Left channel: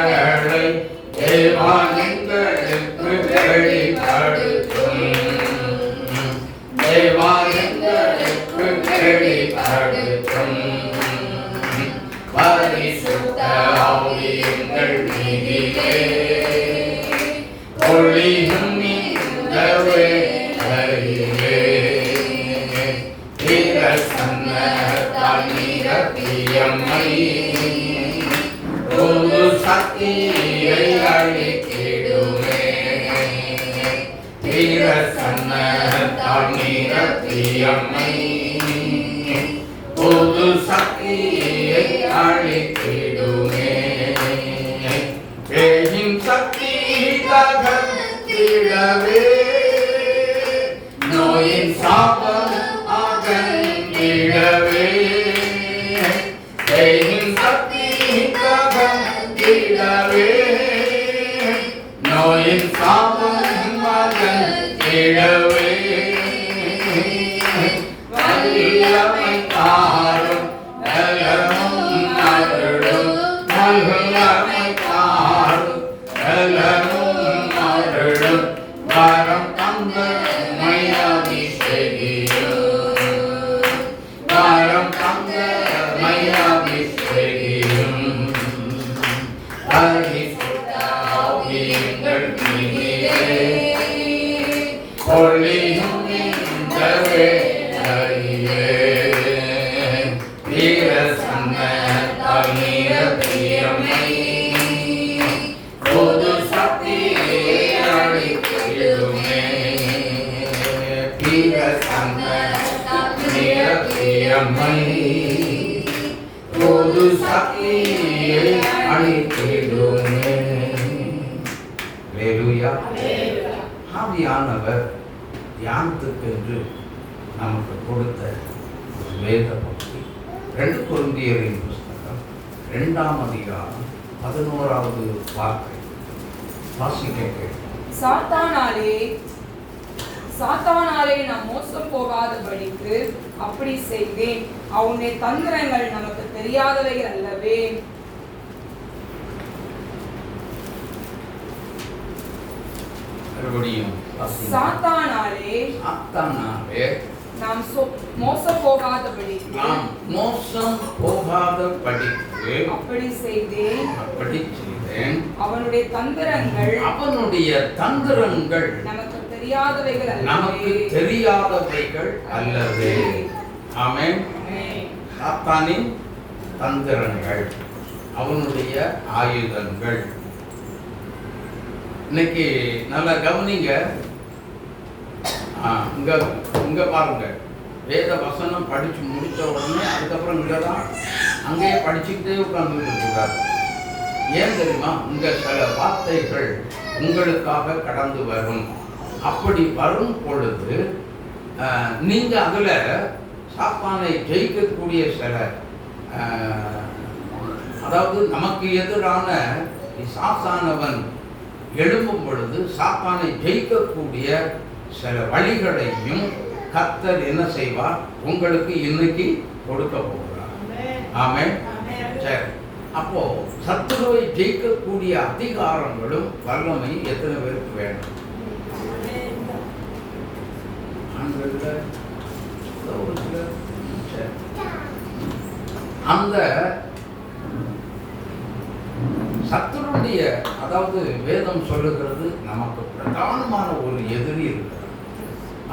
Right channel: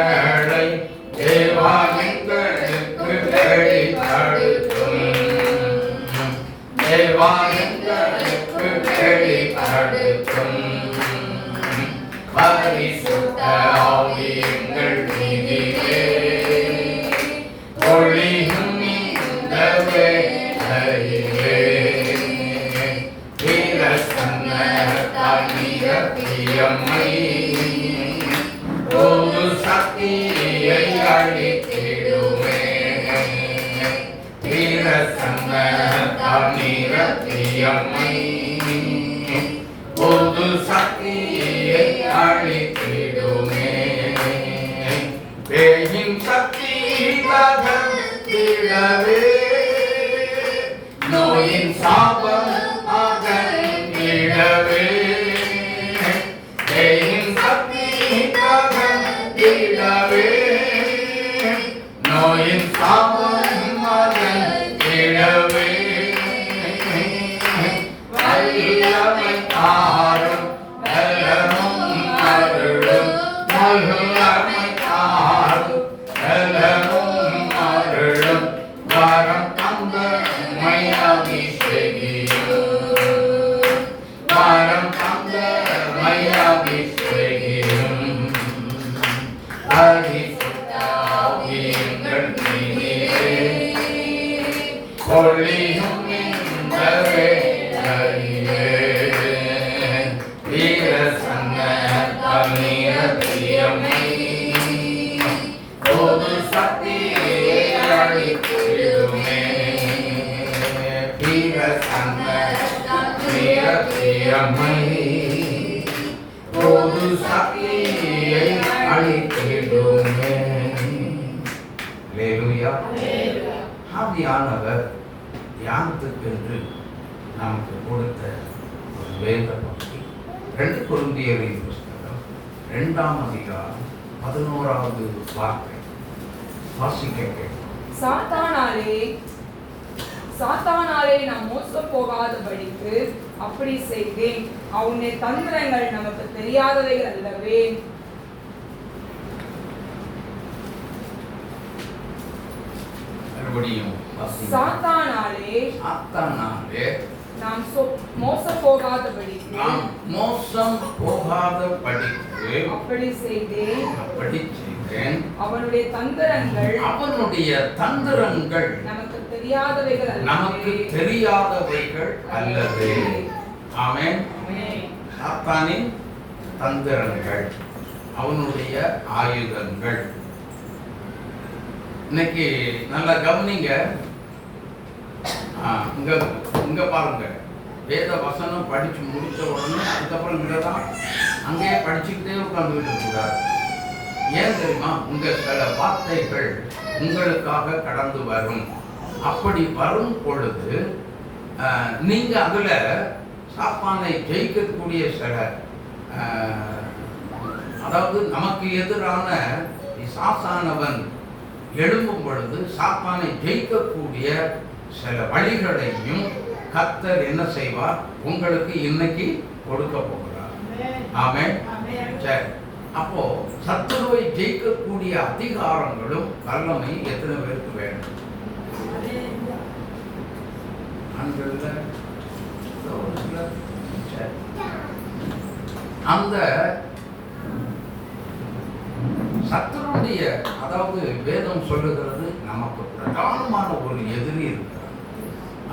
சத்துருக்களை தேவாலயங்களுக்கு வெளிப்படுத்தும். தேவாலயங்களுக்கு வெளிப்படுத்தும். பரிசுத்த ஆவி எங்கள் மீதிலே ஒளியும் இந்த வேளையிலே பிரசன்னத்தால் நிரப்பியம்மை புது சக்தியை அளித்திடுவே. பிரசன்னத்தால் நிரப்பியம்மை புது சக்தியை அளித்திடுவே. பேயின் சக்தி அகற்றிடவே நோயின் சாபம் அகற்றிடவே. பேயின் சக்தி அகற்றிடவே நோயின் சாபம் அகற்றிடவே. வல்லமை தாரும் நலமும் அருளும். வல்லமை தாரும் நலமும் அருளும். வரம் தந்த மையாபிஷேகியும். வரம் தந்த மையாபிஷேகியும். பரிசுத்த ஆவி எங்கள் மீதிலே ஒளியும் இந்த வேளையிலே பிரசன்னத்தால் நிரப்பியம்மை புது சக்தியை அளித்திடுமே. பிரசன்னத்தால் நிரப்பியம்மை புது சக்தியை அளித்திடுமே. அல்லேலூயா. ஆவியானவர் தியானத்துக்கென்று நமக்கு கொடுத்த ஒரு வேத பகுதி 2 கொரிந்தியரின் புஸ்தகம் 2ஆம் அதிகாரம் 11வது வார்த்தை வாசிக்க கேட்கிறோம். சாத்தானாலே நாம் மோசம் போகாதபடிக்கு அப்படி செய்தேன். அவனுடைய தந்திரங்கள் நமக்கு தெரியாதவைகள் அல்லவே. மறுபடியும் சாத்தானாலே நாம் மோசம் போகாதபடிக்கு அப்படி செய்தேன். அவனுடைய தந்திரங்கள் நமக்கு தெரியாதவைகள் அல்லவே. ஆமென். சாத்தானின் தந்திரங்கள், அவனுடைய ஆயுதங்கள். இன்னைக்கு நல்லா கவனிங்க. இங்க பாருங்க, வேத வசனம் படிச்சு முடிச்ச உடனே அதுக்கப்புறம் இங்கதான் அங்கேயே படிச்சுக்கிட்டே உட்கார்ந்துட்டு இருக்காரு. ஏன் தெரியுமா? இங்க சில வார்த்தைகள் உங்களுக்காக கடந்து வரும். அப்படி வரும் பொழுது நீங்க அதுல சாத்தானை ஜெயிக்கக்கூடிய சில அதாவது நமக்கு எதிரான சாத்தானவன் எழும்பும் பொழுது சாத்தானை ஜெயிக்கக்கூடிய சில வழிகளையும் கர்த்தர் என்ன செய்வார்? உங்களுக்கு இன்னைக்கு கொடுக்க போகிறார். ஆமென். சரி, அப்போ சத்துருவை ஜெயிக்கக்கூடிய அதிகாரங்களும் வல்லமை எத்தனை பேருக்கு வேணும்? அந்த சத்துருடைய, அதாவது வேதம் சொல்லுகிறது, நமக்கு பிரதானமான ஒரு எதிரி இருக்கிறார்.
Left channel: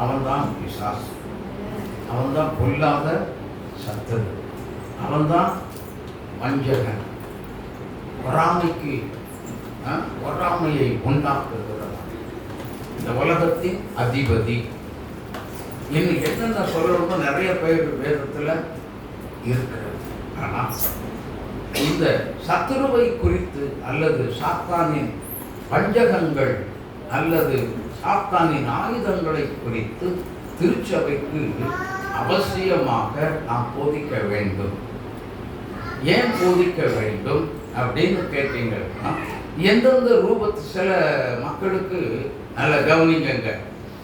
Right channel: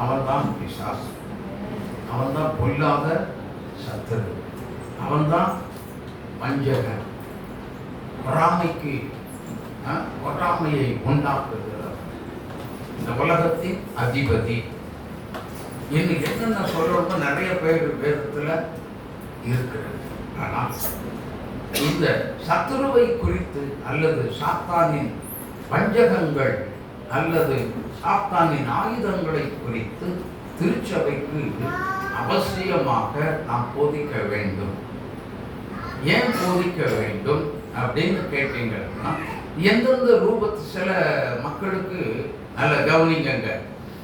அவன்தான் பிசாசு. அவன்தான் பொல்லாத சத்துரு. அவன்தான் வஞ்சகன். பொறாமையை உண்டாக்குகிறார். இந்த உலகத்தின் அதிபதி. இன்னும் என்னென்ன சொல்றோமோ நிறைய பேர் வேதத்துல இருக்கிறது. ஆனால் இந்த சத்துருவை குறித்து அல்லது சாத்தானின் வஞ்சகங்கள் அல்லது சாத்தானின் ஆயுதங்களை குறித்து திருச்சபைக்கு அவசியமாக நாம் போதிக்க வேண்டும். ஏன் போதிக்க வேண்டும் அப்படின்னு கேட்டீங்கன்னா, எந்தெந்த ரூபத்து சில மக்களுக்கு நல்ல கவனிங்க,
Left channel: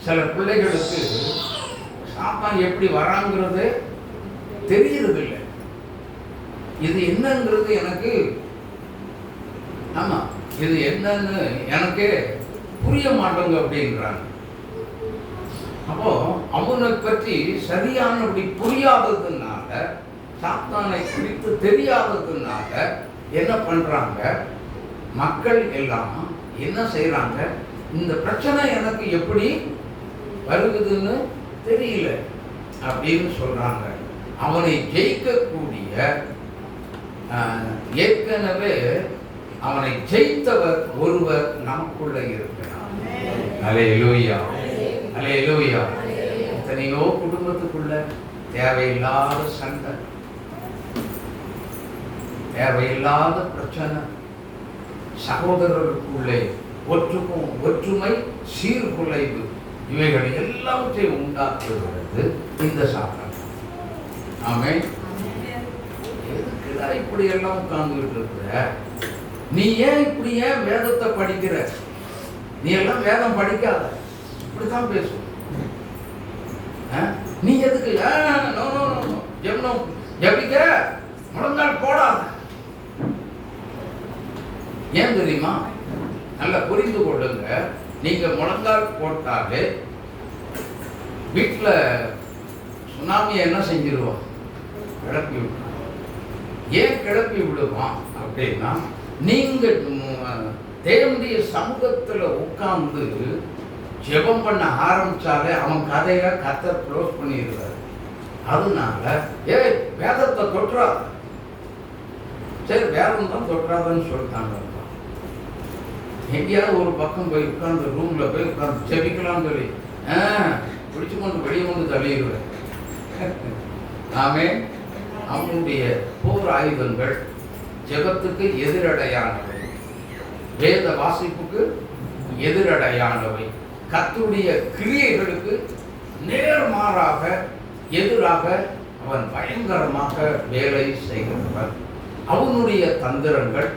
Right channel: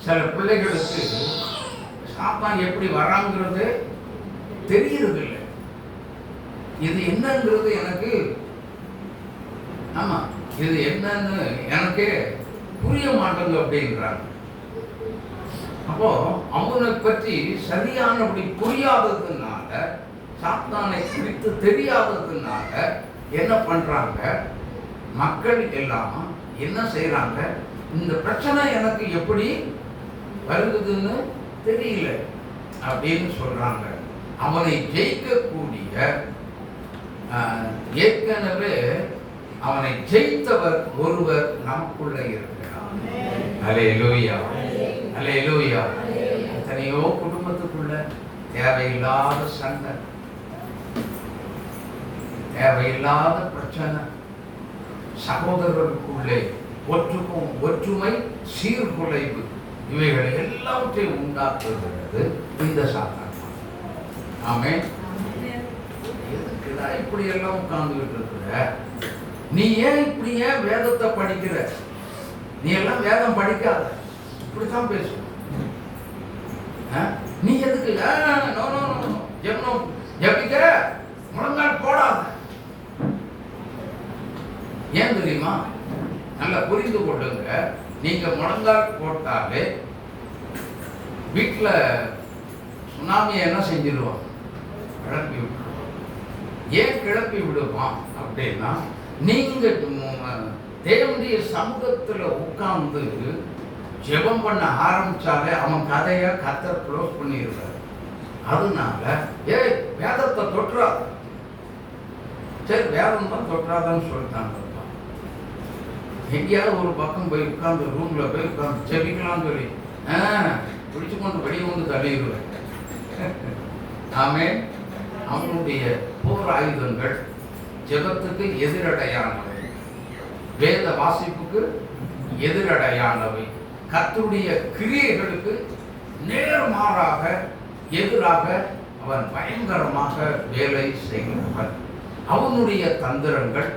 சில பிள்ளைகளுக்கு சாத்தான் எப்படி வராங்கிறது தெரியறது இல்லை. இது என்னங்கிறது எனக்கு ஆமா, இது என்னன்னு எனக்கே புரிய மாட்டேங்க அப்படின்றாங்க. அப்போ அவனை பற்றி சரியானபடி புரியாததுனால, சாத்தானை குறித்து தெரியாததுனால என்ன பண்றாங்க, மக்கள் எல்லாம் என்ன செய்யறாங்க, இந்த பிரச்சனை எனக்கு எப்படி வருகுதுன்னு தெரியல அப்படின்னு சொல்றாங்க. அவனை ஜெயிக்கக்கூடிய ஏற்கனவே அவனை ஜெயித்தவர் ஒருவர் நமக்குள்ள இருக்கிறார். அல்லேலூயா, அல்லேலூயா. எத்தனையோ குடும்பத்துக்குள்ள தேவையில்லாத சண்டை, தேவையில்லாத பிரச்சனை, சகோதரர்களுக்குள்ளே ஒற்றுமை சீர்குலைவு, இவைகளை எல்லாவற்றையும் உண்டாக்குகிறது இந்த சாத்தான். ஆமென். எதுக்குடா இப்படி எல்லாம் உட்கார்ந்துகிட்டு இருக்கிற? நீ ஏன் இப்படி ஏன் வேதத்தை படிக்கிற? நீ எல்லாம் வேதம் படிக்காத, இப்படித்தான் பேசு. நீ எதுக்கு ஜபிக்கிற? முழங்கால் போடாத. ஏன் தெரியுமா? நல்லா புரிந்து கொள்ளுங்க. நீங்க முழங்கால் போட்டாலே வீட்டுல சுனாமியை என்ன செஞ்சிருவான்? கிளப்பி விட்டுருவான். ஏன் கிளப்பி விடுவான் அப்படின்னா, நீங்க தேவனுடைய சமூகத்துல உட்கார்ந்து ஜெபம் பண்ண ஆரம்பிச்சாலே அவன் கதையை கர்த்தர் க்ளோஸ் பண்ணிடுறாரு. அதனால வேதத்தை தொற்றாத. சரி, வேதம் தான் தொற்றாதன்னு சொல்லிட்டாங்க. எங்கேயாவது ஒரு பக்கம் போய் உட்கார்ந்து ரூம்ல போய் உட்கார்ந்து ஜெபிக்கலாம்னு சொல்லி பிடிச்சு கொண்டு வெளியே வந்து தள்ளிடுவேன். ஆமென். அவனுடைய போர் ஆயுதங்கள் ஜெபத்துக்கு எதிரடையானவை, வேத வாசிப்புக்கு எதிரடையானவை, கர்த்தருடைய கிரியைகளுக்கு நேர்மாறாக எதிராக அவன் பயங்கரமாக வேலை செய்கிறவன். அவனுடைய தந்திரங்கள்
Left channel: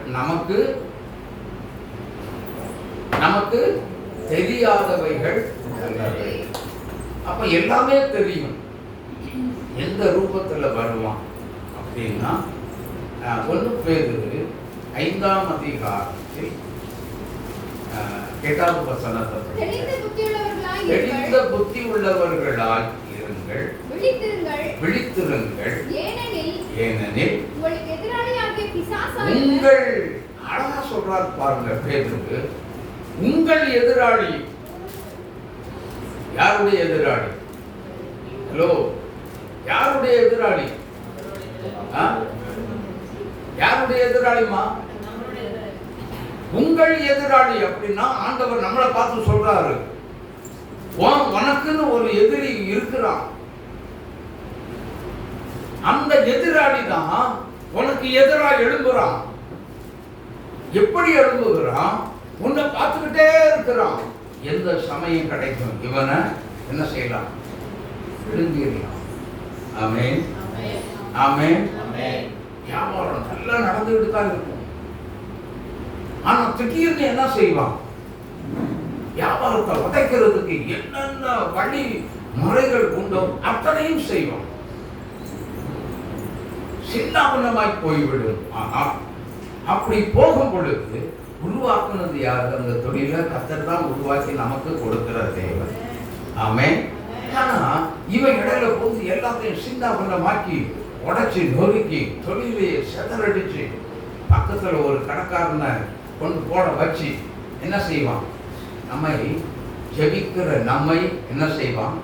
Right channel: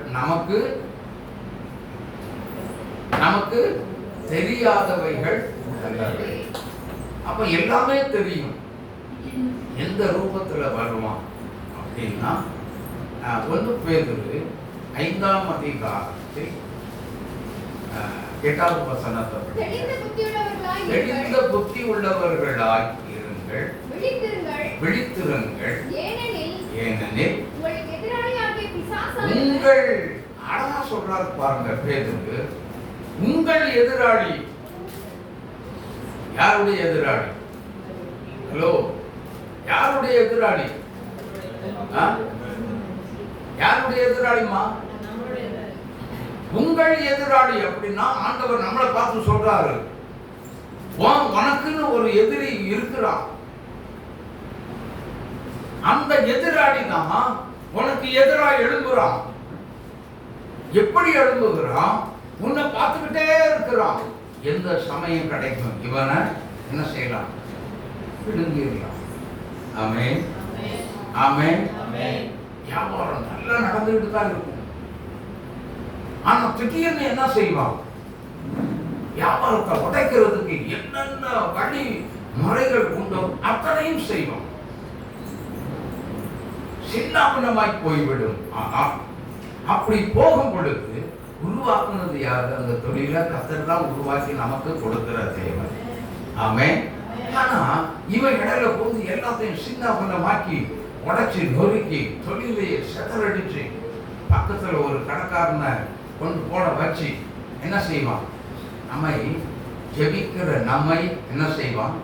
நமக்கு தெரியாதவைகள் அல்லவை. அப்ப எல்லாமே தெரியும். எந்த ரூபத்துல வருவான் அப்படின்னா, 1 பேதுரு 5ஆம் அதிகாரத்தில் 8வது வசனத்தை, தெளிந்த புத்தி உள்ளவர்களாய் இருங்கள், விழித்திருங்கள், ஏனெனில் உங்கள், அழகா சொல்றாரு பாருங்க பேதுரு, உங்கள் எதிராளி. யாருடைய எதிராளி? ஹலோ, யாருடைய எதிராளி? யாருடைய எதிராளிமா? உங்கள் எதிராளி. அப்படின்னா ஆண்டவர் நம்மளை பார்த்து சொல்றாரு, உனக்குன்னு ஒரு எதிரி இருக்கிறான். அந்த எதிராளி தான் உனக்கு எதிராக எழும்புறான். எப்படி எழும்புகிறான்? உன்னை பார்த்துக்கிட்டே இருக்கிறான். எந்த சமயம் கிடைக்கும் இவனை என்ன செய்யலாம்? விழுங்கிடலாம். ஆமென், ஆமென். வியாபாரம் நல்லா நடந்துகிட்டு தான் இருக்கும். ஆனா திடீர்னு என்ன செய்வான்? வியாபாரத்தை உடைக்கிறதுக்கு என்னென்ன வழி முறைகள் உண்டோ அத்தனையும் செய்வான். சின்னாபின்னமாய் போய்விடும். அப்படி போகும் பொழுது உருவாக்குனது யாரு? அந்த தொழிலை கர்த்தர் தான் உருவாக்கி நமக்கு கொடுக்கிற தேவன். ஆமென். ஆனா இவன் இடையில போது எல்லாத்தையும் சின்னாபின்னமாக்கி உடைச்சு நொறுக்கி தொழிலையே செதறடிச்சு பக்கத்துல ஒரு கடைக்காரனை கொண்டு போட வச்சு என்ன செய்வான்? நம்மை ஜெபிக்கிற நம்மை என்ன செய்வான்?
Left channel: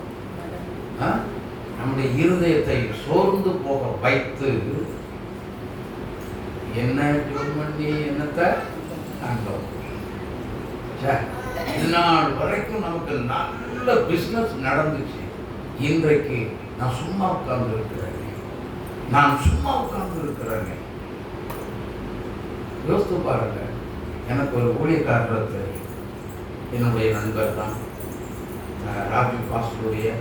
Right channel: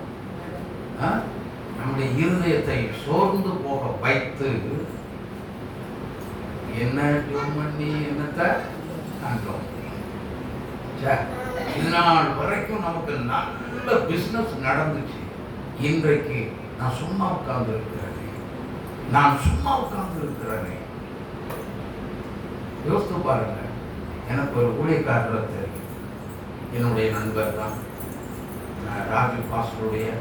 நம்முடைய இருதயத்தை சோர்ந்து போக வைத்து என்ன ஜோம் பண்ணி என்னத்தை காண்போம். இந்நாள் வரைக்கும் நமக்கு நல்ல பிசினஸ் நடந்துச்சு. இன்றைக்கு நான் சும்மா உட்கார்ந்து இருக்கிறேன். யோசித்து பாருங்க. எனக்கு ஒரு ஊழியக்காரர் தெரியும், என்னுடைய நண்பர் தான், ராஜு பாஸ்டருடைய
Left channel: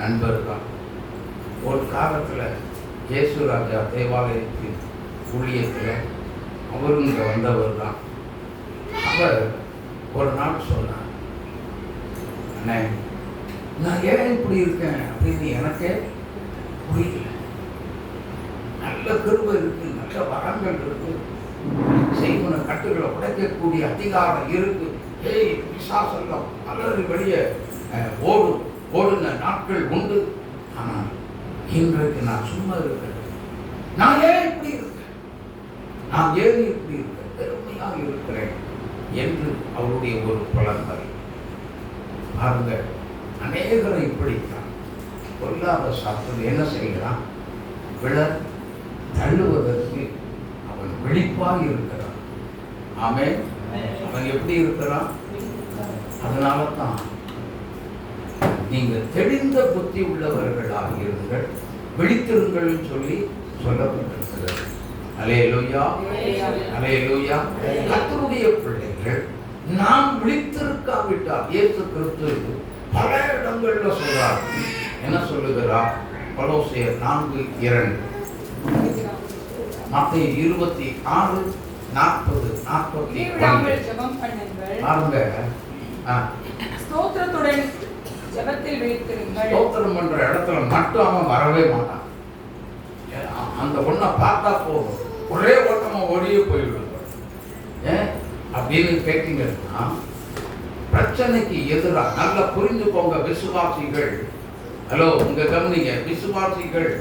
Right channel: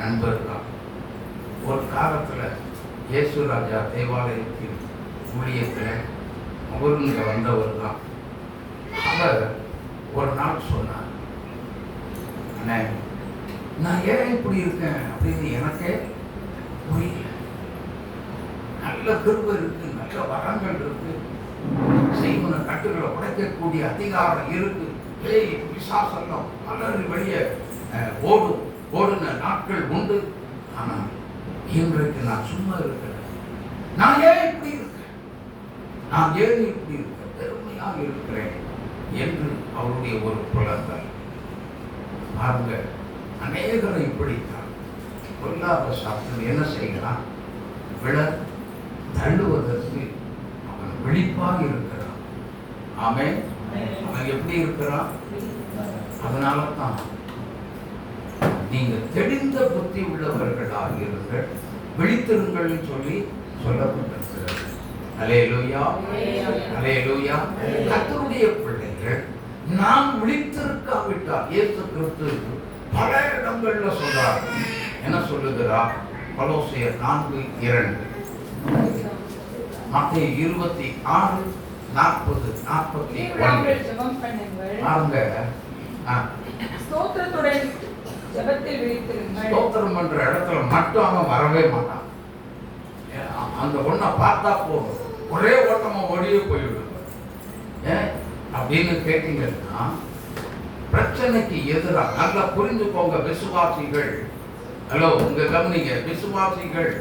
நண்பர் தான். ஒரு காலத்தில் இயேசு ராஜா தேவாலயத்தின் ஊழியத்தில் அவருங்க வந்தவர் தான். அவர் ஒரு நாள் சொன்னார், அண்ணே நான் ஏன் இப்படி இருக்கேன் அப்படின்னு எனக்கே புரியல. நல்ல கிருபை இருக்கு, நல்ல வரங்கள் இருக்கு, செய்வன கட்டுகளை உடைக்கக்கூடிய அதிகாரம் இருக்கு. ஏய் விசாசெல்லாம் அலறி வெளியே ஓடுன நாட்கள் உண்டு. ஆனால் இன்றைக்கு நான் சும்மா இருக்கிறேன். நான் ஏன் இப்படி இருக்கிறேன்? நான் ஏன் இப்படி இருக்கிறேன்? பெருமையாக இருக்கிறேன் என்று அவருடைய ஒரு புலங்கள். பாருங்க, அநேகரை இப்படித்தான் பொல்லாத சாஸ்திரம் என்ன செய்கிறான்? விழ தள்ளுவதற்கு அவன் விழிப்பாக இருக்கிறான். ஆமென். அவன் எப்படி இருக்கிறான்? அதனால தான் நீங்க தெளிந்த புத்தி உள்ளவர்களாக இருங்கள், விழித்திருங்கள் சொல்லி சொல்லப்பட்டிருக்கிறது. அல்லேலூயா, அல்லேலூயா. கர்த்தருடைய பிள்ளைகள் நாம் விழித்திருக்காவிட்டால் இயேசு கிறிஸ்து பல இடங்கள்ல சொல்றார். என்ன சொல்லுகிறார்? கொலோசியர் 4:2, மத்தேயு 26:40-41. பாருங்க, ஸ்தோத்திரத்துடன் ஜெபத்தில் விழித்திருங்கள். ஸ்தோத்திரம் பண்ற இடத்துல மட்டும் அவன் வரவே மாட்டான். அந்த ஒன்றை பார்த்தா போதும், ஒரே ஓட்டமா ஓடியே போய்விடும். ஏன் அப்படின்னு கேட்டீங்கன்னா, பிரச்சனைக்கு எதிராக நல்லா புரிஞ்சுக்கோங்க விசுவாசிகள். ஹலோ, உங்க கவனிங்க விசுவாசிகள்.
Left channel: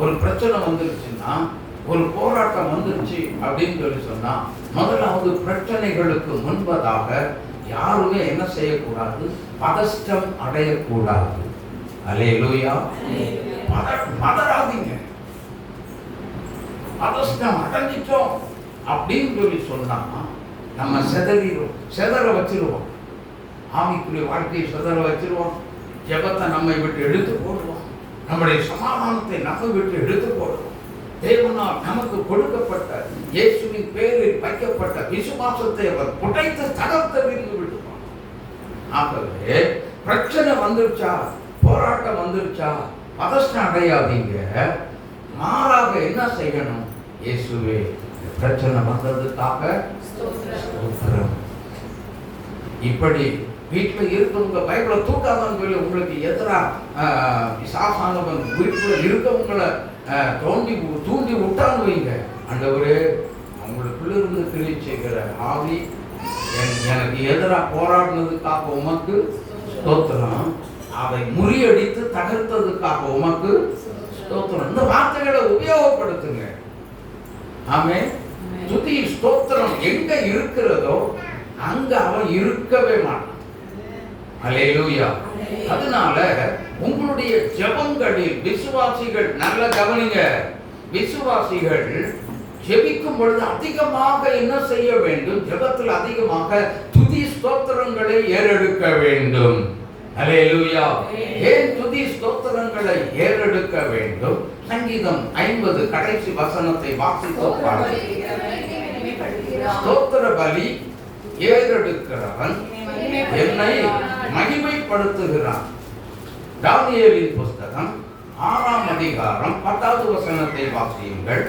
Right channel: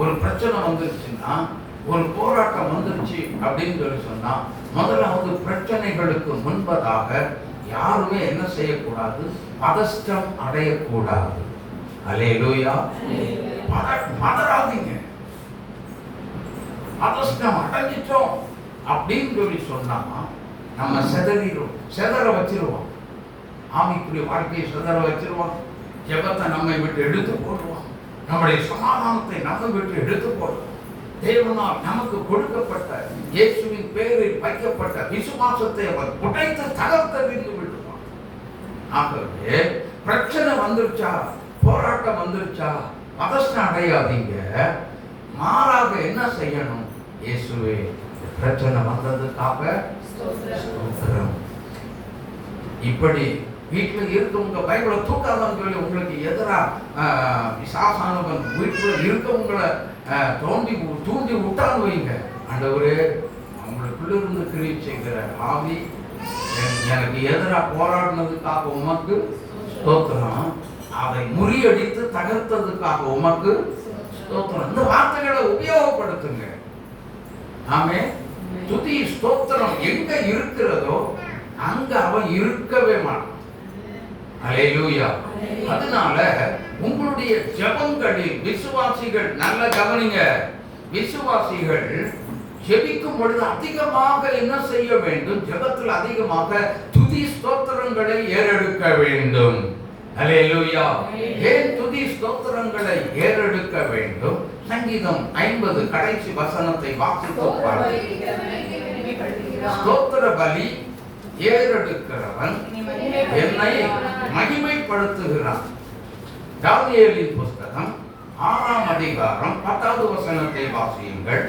ஒரு பிரச்சனை வந்துருச்சுன்னா, ஒரு போராட்டம் வந்துருச்சு அப்படின்னு சொல்லி சொன்னா, முதலாவது பிரச்சனைகளுக்கு முன்பதாக யாருமே என்ன செய்யக்கூடாது? பதஷ்டம் அடையக்கூடாது. அல்லேலூயா. மதராதீங்க. பதஷ்டம் அடைஞ்சிட்டோம் அப்படின்னு சொல்லி சொன்னா நம்ம செதற வச்சிருவோம். ஆவிக்குரிய வாழ்க்கையை செதற வச்சிருவோம். ஜெபத்தை நம்மை விட்டு எடுத்து போடுவோம். நம்முடைய சமாதானத்தை நம்ம விட்டு எடுத்து போடுவோம். தேவனால் நமக்கு கொடுக்கப்பட்ட இயேசுவின் பேரில் வைக்கப்பட்ட விசுவாசத்தை அவர் உடைத்து தகர்த்தெறிந்து விடுவார். ஆகவே பிரச்சனை வந்துருச்சா, போராட்டம் வந்துருச்சா, பதஷ்டம் அடையாதீங்க. மாறாக என்ன செய்யணும்? இயேசுவே, பிரச்சனை வந்ததுக்காக ஸ்தோத்திரம். இப்படி வீட்டில் இருக்கவங்க பைபிளை தூக்காதான் சொல்லி உங்களுக்கு எதிராக விசாசானவன் வீட்டில் இருக்கவங்களை தூண்டி விட்டான்னு வைங்க. ஆண்டவரே, அவங்களுக்குள்ள இருந்து கிரியை செய்கிற ஆவி எனக்கு எதிராக போராடினதுக்காக உமக்கு ஸ்தோத்திரம், அதை முறியடித்து தகர்த்ததுக்காக உமக்கு ஸ்தோத்திரம். இந்த வார்த்தைகளை உபயோகப்படுத்துங்க. ஆமே. துதி ஸ்தோத்திரம் எங்க இருக்கிறதோ அங்க அவன் இருக்கவே மாட்டான். அல்லேலூயா. அதனால உங்களுடைய ஜெபங்களில் விசுவாசிகள், நல்ல கவனிங்க, விசுவாசிகள் ஜெபிக்கும் பொழுது அதிகமாக என்ன செய்ய வேண்டும்? ஜெபத்தில் அதிகமாக துதி ஸ்தோத்திரங்களை ஏறெடுக்க வேண்டும். அல்லேலூயா. ஏன் துதி ஸ்தோத்திரங்களை ஏறெடுக்க வேண்டும்? சங்கீதம் 50 கடைசி வசனத்தை வாசித்து பாருங்கள். ஸ்தோத்திர பலி ஏறெடுக்கிறவன் என்னை மகிமைப்படுத்துகிறான். தானியேலின் புஸ்தகம் 6ஆம் அதிகாரம் 10வது வசனத்தை வாசியுங்கள்.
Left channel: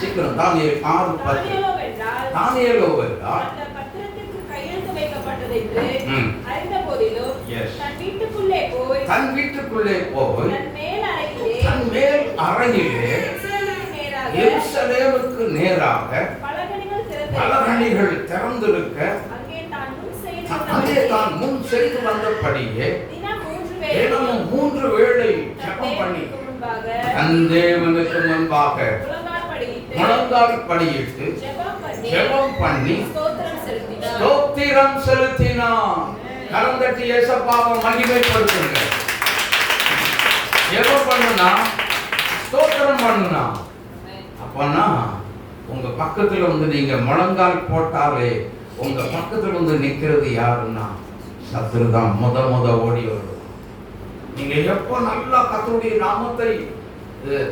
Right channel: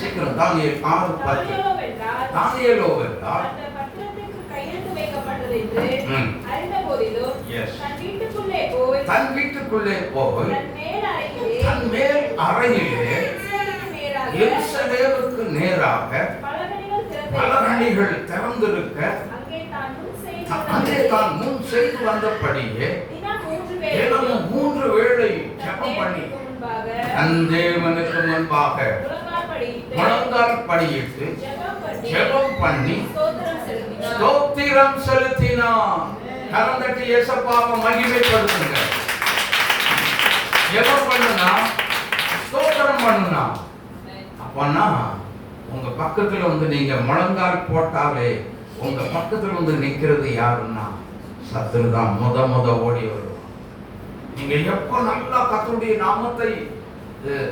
சீக்கிரம். தானியேல் 6:10. தானியேலோவென்றால் தன் வீட்டுக்குள்ளே போய் தன் மேல் அறையிலே எருசலேமுக்கு நேராக பலகணிகள் திறந்திருக்க அங்கே தான் முன் செய்து வந்தபடியே தினமும் 3 வேளை ஜெபம் பண்ணி தன் தேவனுக்கு முன்பாக முழங்கால் படியிட்டு ஜெபம் பண்ணி ஸ்தோத்திரம் செலுத்தினான். கரம் தட்டி இயேசுவை மகிமைப்படுத்துங்க. ஜெபம் பண்ணுனா, ஸ்தோத்திரம் பண்ணுனா, அப்பன்னா உங்க பக்கத்துல வந்து நீங்க முழங்கால் போட்டாலே உங்க பக்கத்துல வந்து நிக்கிறது யாருன்னா சத்துரு தான். முத ஓடி வரும். நீங்க எப்போ நல்லா கர்த்தருடைய நாமத்தை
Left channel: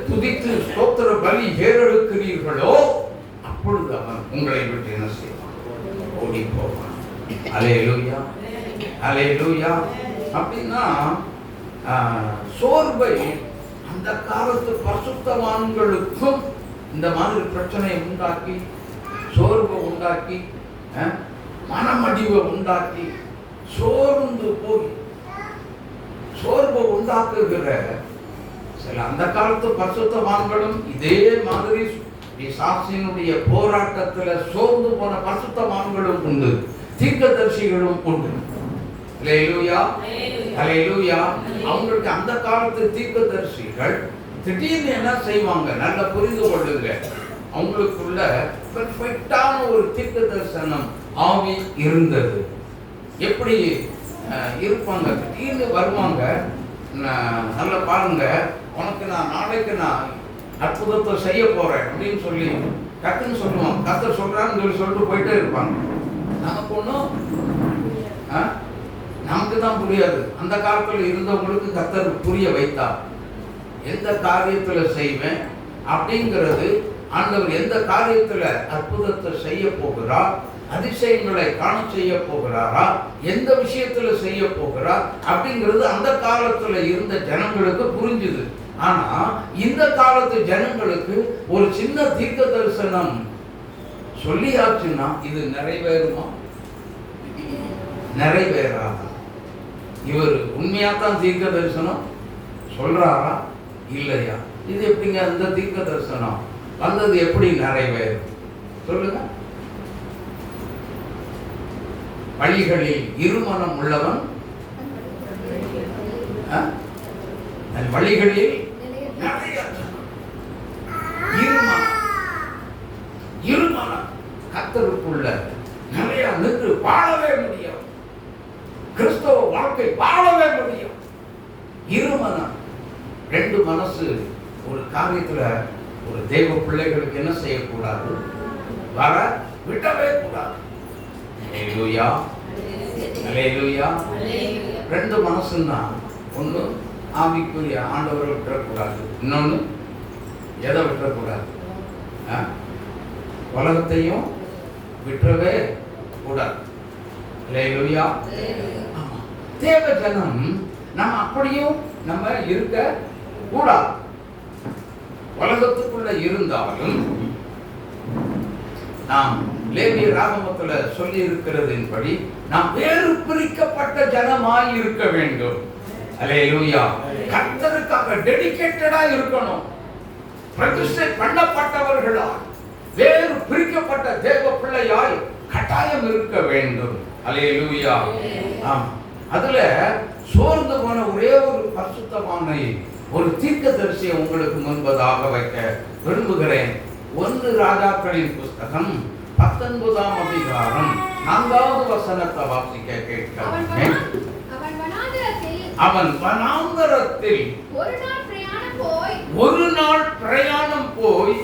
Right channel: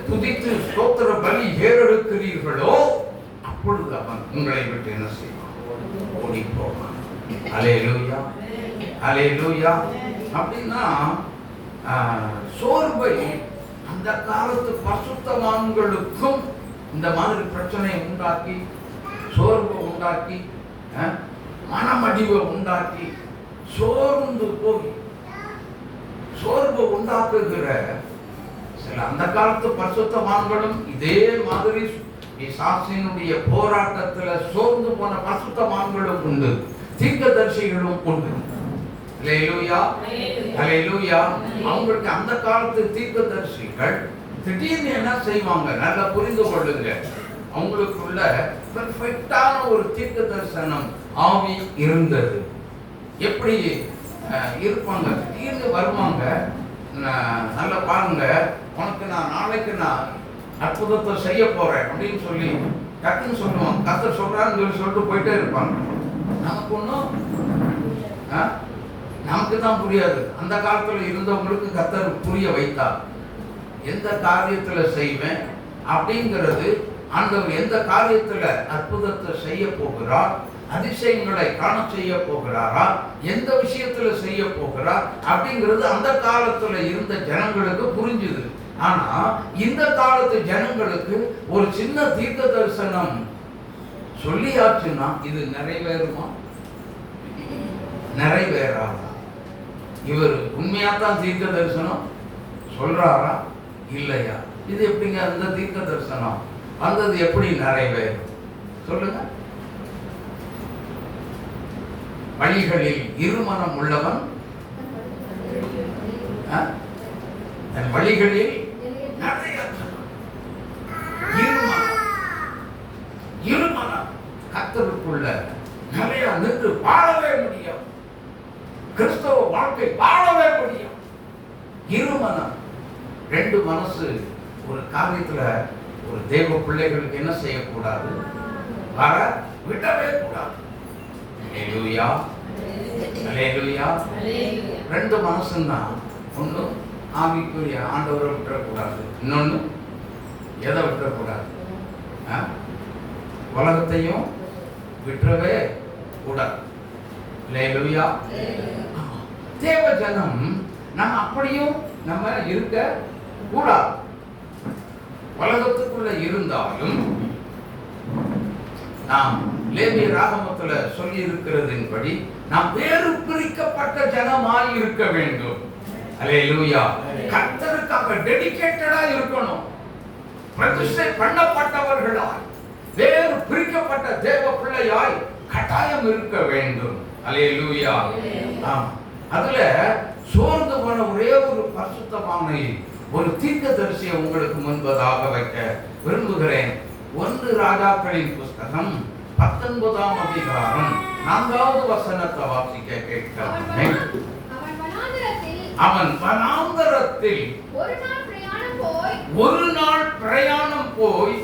துதித்து ஸ்தோத்திர பலி ஏறெடுக்கிறீர்களோ அப்பொழுது அவன் உங்களை விட்டு என்ன செய்வான்? ஓடி போவான். அல்லேலூயா, அல்லேலூயா. அப்படின்னா சோர்வை அந்த காலத்து பரிசுத்தவான்களுக்கும் இந்த மாதிரி பிரச்சனையை உண்டாக்கி, சோர்வை உண்டாக்கி, மனமடிவை உண்டாக்கி, சோர்ந்து போய் சோர்வை உண்டாக்குகிற சில அந்த காலத்து பரிசுத்தவான்களும் இதே மாதிரி பிசாசினுடைய போராட்டத்துல சோர்ந்து போன பரிசுத்தவான்களும் உண்டு, தீர்க்கதரிசிகளும் உண்டு. அல்லேலூயா, அல்லேலூயா. அவங்களுக்கு அந்த காலத்து தீர்க்கதரிசிகள் திடீர்னு என்ன செய்வாங்க, நல்லா புரிந்து கொள்ளுங்க. அவங்களுக்குள்ள பெர்ஃபெக்டான ஒரு தீர்க்க தரிசனம் ஆவி இருந்தது. எப்படி இருப்பாங்க, திடீர்னு வருவாங்க. நல்லா பாருங்க, உனக்கு நான் நாளைக்கு நான் அற்புதத்தை செய்ய போறேன் அப்படின்னு சொல்லி டக்குன்னு சொல்லுவாங்க. கர்த்தர் சொல்றான்னு சொல்லி சொல்லிட்டு போயிட்டே இருப்பாங்க. நமக்கு ஒன்றும் நமக்கு தான் புரியாது. அந்த காலத்தில் இருந்தவங்களுக்கு கர்த்தர் புரிய வைத்தார். எந்த காரியத்துல செய்வேன் அப்படிங்கிறது, ஆண்டவர் எந்த காரியத்துல அற்புதத்தை செய்ய போகிறார், அதிசயங்களை காண செய்ய போகிறாரா, எந்த விஷயத்துல செய்ய போகிறார் அப்படிங்கிறது அந்த காலத்துல இருந்த ஜனங்களுக்கு புரிஞ்சுது. ஆனா இந்த காலத்து ஜனங்களுக்கு ஒரு சின்ன தீர்க்க தரிசனம் சொல்லியாச்சுன்னா இது நிறைவேறுமா, நிறைவேறாது. இவர் உண்மையாத்தான் தீர்க்க தரிசனம் சொல்றாரா இல்லையா? இது எப்படிங்க அந்த தீர்க்க தரிசனம் வந்தது எப்படி நிறைவேறும் சொல்லுங்க? வழிகளில் இருமனம் உள்ளவன் வழிகளில் இருமனம் கர்த்தருக்குள்ள நிறைய நின்று வாழவே முடியும். கிறிஸ்தவ வாழ்க்கை வாழவே முடியும். இருமனம், ரெண்டு மனசு ஒரு காரியத்துல ஒரு தேவ பிள்ளைகளுக்கு என்ன செய்யக்கூடாது, வர விடவே கூடாது. அல்லேலூயா, அல்லேலூயா. ரெண்டு மனசுன்னா ஒண்ணு ஆவிக்குரிய ஆண்டவரை விட்டுறக்கூடாது, இன்னொன்னு எதை விட்டுறக்கூடாது, உலகத்தையும் விட்டுறவே கூடாது. அல்லேலூயா. தேவ ஜனம் நம்ம அப்படியும் நம்ம இருக்க கூடாது. உலகத்துக்குள்ள இருந்தாலும் நாம் லேவிய ராகமத்துல சொல்லி இருக்கிறதின்படி நாம் வேறு பிரிக்கப்பட்ட ஜனமாய் இருக்க வேண்டும். அல்லேலூயா. கர்த்தருக்காக டெடிகேட்டடா இருக்கணும். பிரதிஷ்டை பண்ணப்பட்டவர்களாய் வேறு பிரிக்கப்பட்ட தேவ பிள்ளையாய் கட்டாயம் இருக்க வேண்டும். அல்லேலூயா. அதுல சோர்ந்து போன ஒரே ஒரு பரிசுத்தமான ஒரு தீர்க்கதரிசியை உங்களுக்கு முன்பதாக வைக்க விரும்புகிறேன். 1 ராஜாக்களின் புஸ்தகம் 19ஆம் அதிகாரம் 4வது வசனத்தை வாசிக்க கேட்கிறேன். அவன் வனாந்தரத்தில் ஒரு நாள் பிரயாணம் போய்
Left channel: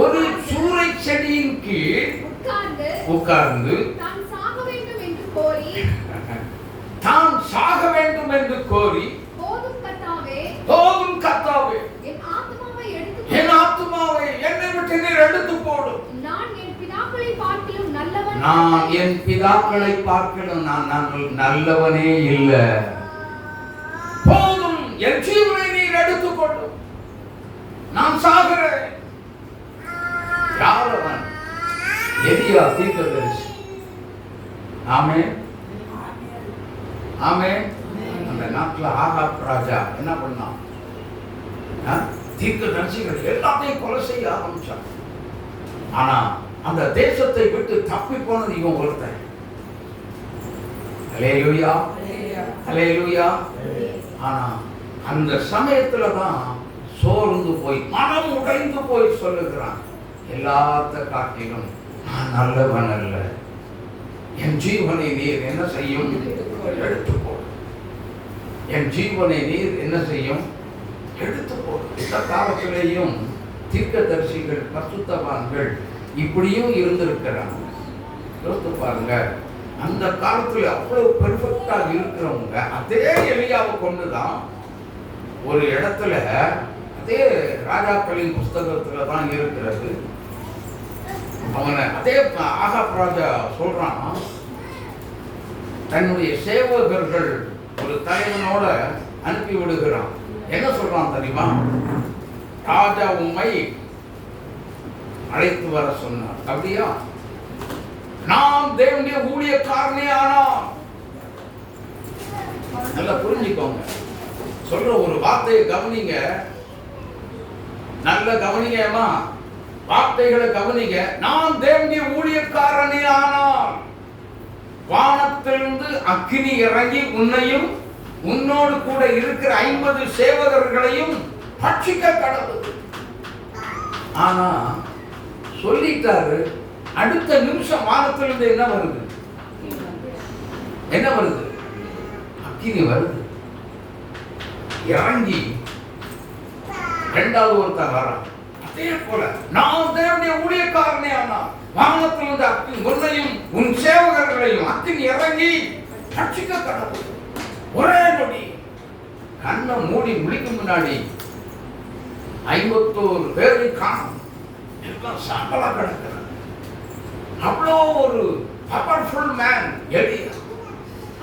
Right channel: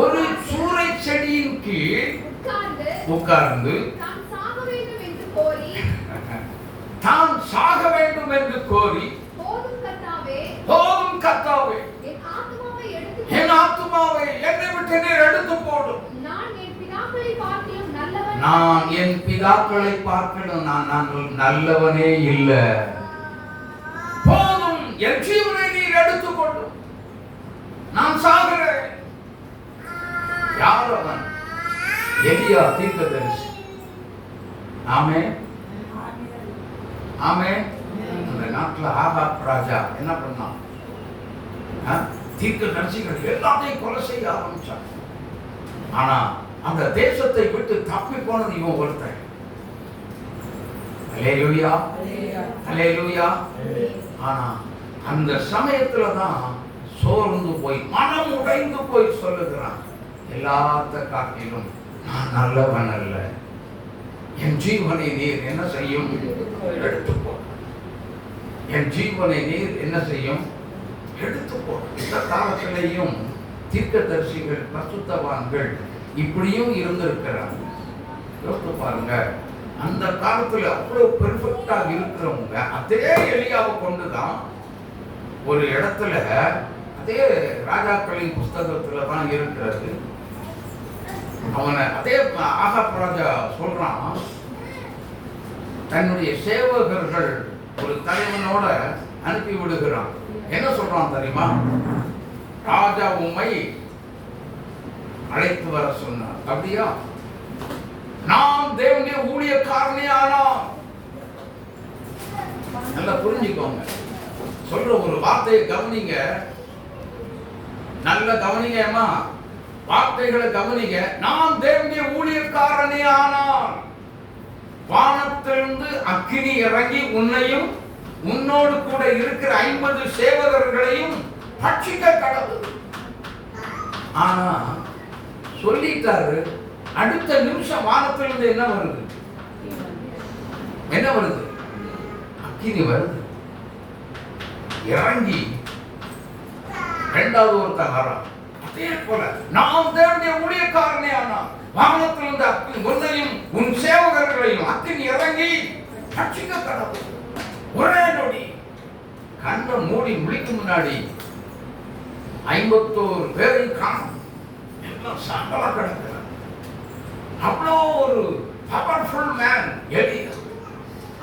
ஒரு சூரை செடியின் கீழ் உட்கார்ந்து தான் சாக வேண்டும் என்று கோரி, போதும் கர்த்தாவே, என் ஆத்துமாவை என்னை விட்டு நீர் எடுத்து போடும். நான் என் பிதாக்களை பார்க்கணும், நான் நல்லவனே இல்லை. போதும், என் ஜீவனை நீர் எடுத்துக் கொள்ளும், நான் சாகிறேன். யார் அவன்? எலியா தீர்க்கதரிசி. ஆமென், ஆமென். அந்த நாட்டுல ஆகாப் ராஜா என்ன பண்ணான்? தீர்க்கதரிசிகள் எல்லாத்தையும் கொலை செய்ய ஆரம்பிச்சான். ஆனா அந்த தேசத்தை விட்டு தப்பி போனது இவன் ஒருத்தன். அல்லேலூயா, அல்லேலூயா. ஆனா அந்த சமயத்துல தான் சோர்ந்து போய் மனம் உடைந்து போய் சொல்லுகிறான், எல்லாத்த காட்டிலும் நான் நல்லவன் அல்ல, என் ஜீவனை நீர் என்ன செய்யும்? எடுத்துப்போ. என் ஜீவனை நீர் என்ன செய்யும்? எடுத்துப்போ. இந்த காலத்திலேயும் தீர்க்கதரிசிகள் பரிசுத்தவான்கள் இப்படியும் இருந்திருக்கிறாங்க. யோசித்து பாருங்க, அந்த காலத்துல அவ்வளவு பெர்ஃபெக்டா இருக்கிறவங்க அதே எலியாவை கொண்டுதான் ஒரு இடத்துல, அதே ராஜாக்களின் புஸ்தகத்துல தான் இருக்கிறது. அவனை அதே ஆகாப் ராஜா சொல்றான், தன்னுடைய சேவகர்கள் ஒரு தலைவனோட அனுப்பி விடுகிறான். என்ன சொல்றான் தெரியுமா? ராஜா உம்மை அழைத்து வர சொன்னார். அப்படியா? நாம் தேவனுடைய ஊழியக்காரனே ஆனோம். நல்லா புரிஞ்சுக்கோங்க. சொல்ற ஒரு வார்த்தையை கவனிங்க, நல்ல கவனிங்க அம்மா, வார்த்தைகளை கவனிங்க. நான் தேவனுடைய ஊழியக்காரனே ஆனால் வானத்திலிருந்து அக்கினி இறங்கி உன்னையும் உன்னோடு கூட இருக்கிற 50 சேவகர்களையும் பட்சிக்க கடவுள். ஆனா சொல்லிட்டாரு, அடுத்த நிமிஷம் வானத்திலிருந்து என்ன வருது? என்ன வருது? அக்கினி வருது. இறங்கி இரண்டாவது ஒருத்தர் வரான். அதே போல நான் தேவனுடைய ஊழியக்காரனே ஆனால் வானத்திலிருந்து அக்கினி உன்னையும் உன் சேவகர்களையும் அக்கினி இறங்கி பட்சிக்க கடவுள். ஒரே நொடி கண்ணை மூடி முழிக்கும் முன்னாடி 51 பேரையும் காணும். எல்லாம் சாம்பலா கிடக்கிறார். அவ்வளோ ஒரு பவர்ஃபுல் மேன் எலியா.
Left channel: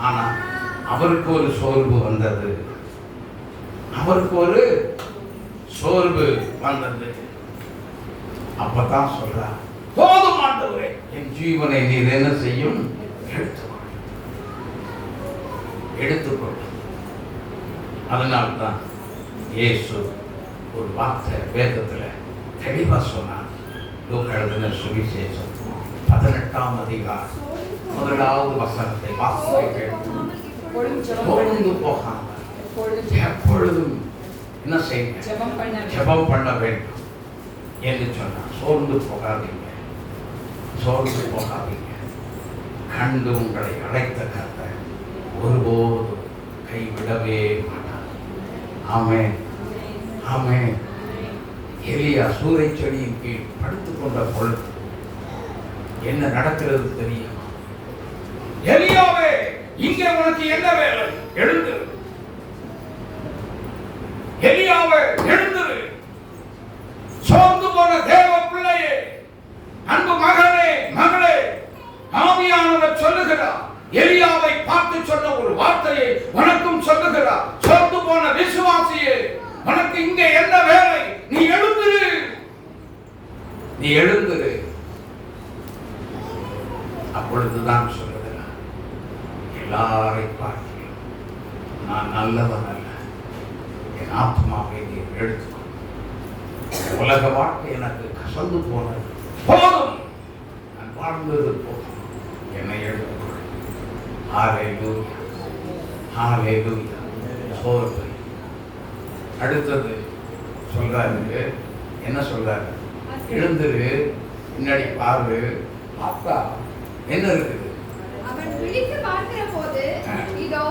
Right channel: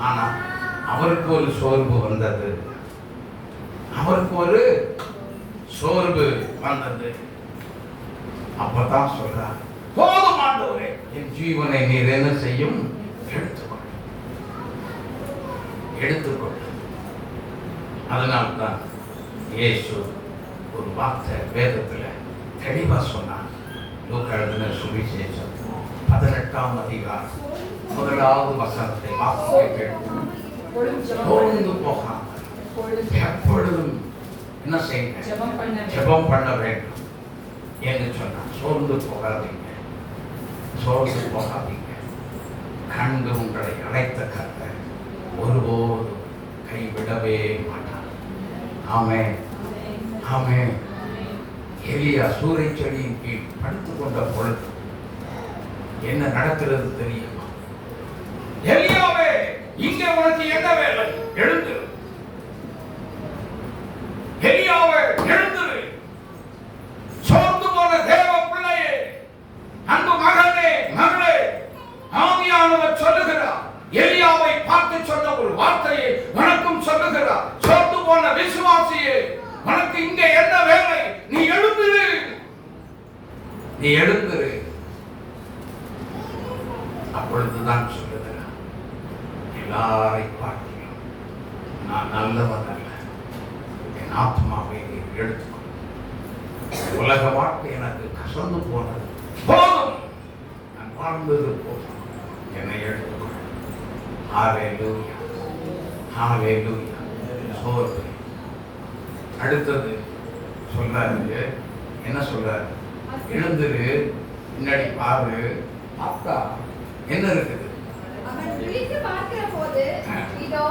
ஆனா அவருக்கு ஒரு சோர்வு வந்தது. அவருக்கு ஒரு சோர்வு வந்தது. அப்பதான் சொல்றார், போதும் ஆண்டவரே, என் ஜீவனை நீர் என்ன செய்யும்? எடுத்துக்கொள். அதனால்தான் இயேசு ஒரு வார்த்தை வேதத்துல தெளிவா சொன்னார். லூக்கா எழுதின சுவிசேஷம் 18ஆம் அதிகாரம் 1வது வசனத்தை வாசிக்க கேட்கும். சோர்ந்து போகாமல் எப்பொழுதும் என்ன செய்யுங்க? ஜெபம் பண்ண வேண்டும் என்று சொன்னார். சோர்ந்து போகாதீங்க, சோர்ந்து போகாதீங்க. கண்டு உங்களை அழைத்த கர்த்தர் ஒருபோது கைவிடவே மாட்டார். ஆமென், ஆமென். எலியா சூறை செடியின் கீழ் படுத்துக் கொண்ட பொழுது என்ன நடக்கிறது தெரியும்? எலியாவே, இங்கே உனக்கு என்ன வேலை? எழுந்திரு. எலியாவே, எழுந்திரு. சோர்ந்து போன தேவ பிள்ளையே, அன்பு மகனே, மகளே, ஆவியானவர் சொல்லுகிறார். எலியாவை பார்த்து சொன்ன ஒரு வார்த்தையை உனக்கும் சொல்லுகிறார். சோர்ந்து போன விசுவாசியே, உனக்கு இங்கே என்ன வேலை? நீ எழுந்திரு, நீ எழுந்திரு. அப்பொழுதுதான் சொல்லுகிறார், எல்லாரை பார்க்கிறேன், நான் நல்லவன் அல்ல, என் ஆத்மாவை நீர் எடுத்துக்கொள். உலக வாழ்க்கை எனக்கு கசந்து போனது, போதும், நான் வாழ்ந்தது போதும், என்னை எடுத்துக்கொள். ஹல்லேலூயா, ஹல்லேலூயா. சோர்வு. அடுத்தது சொல்றாரு, என்ன சொல்றாரு? எழுந்திரு, பின்னாடி பாரு. பார்த்தா என்ன இருக்குது? அவன் விழித்து பார்க்கிற போது இதோ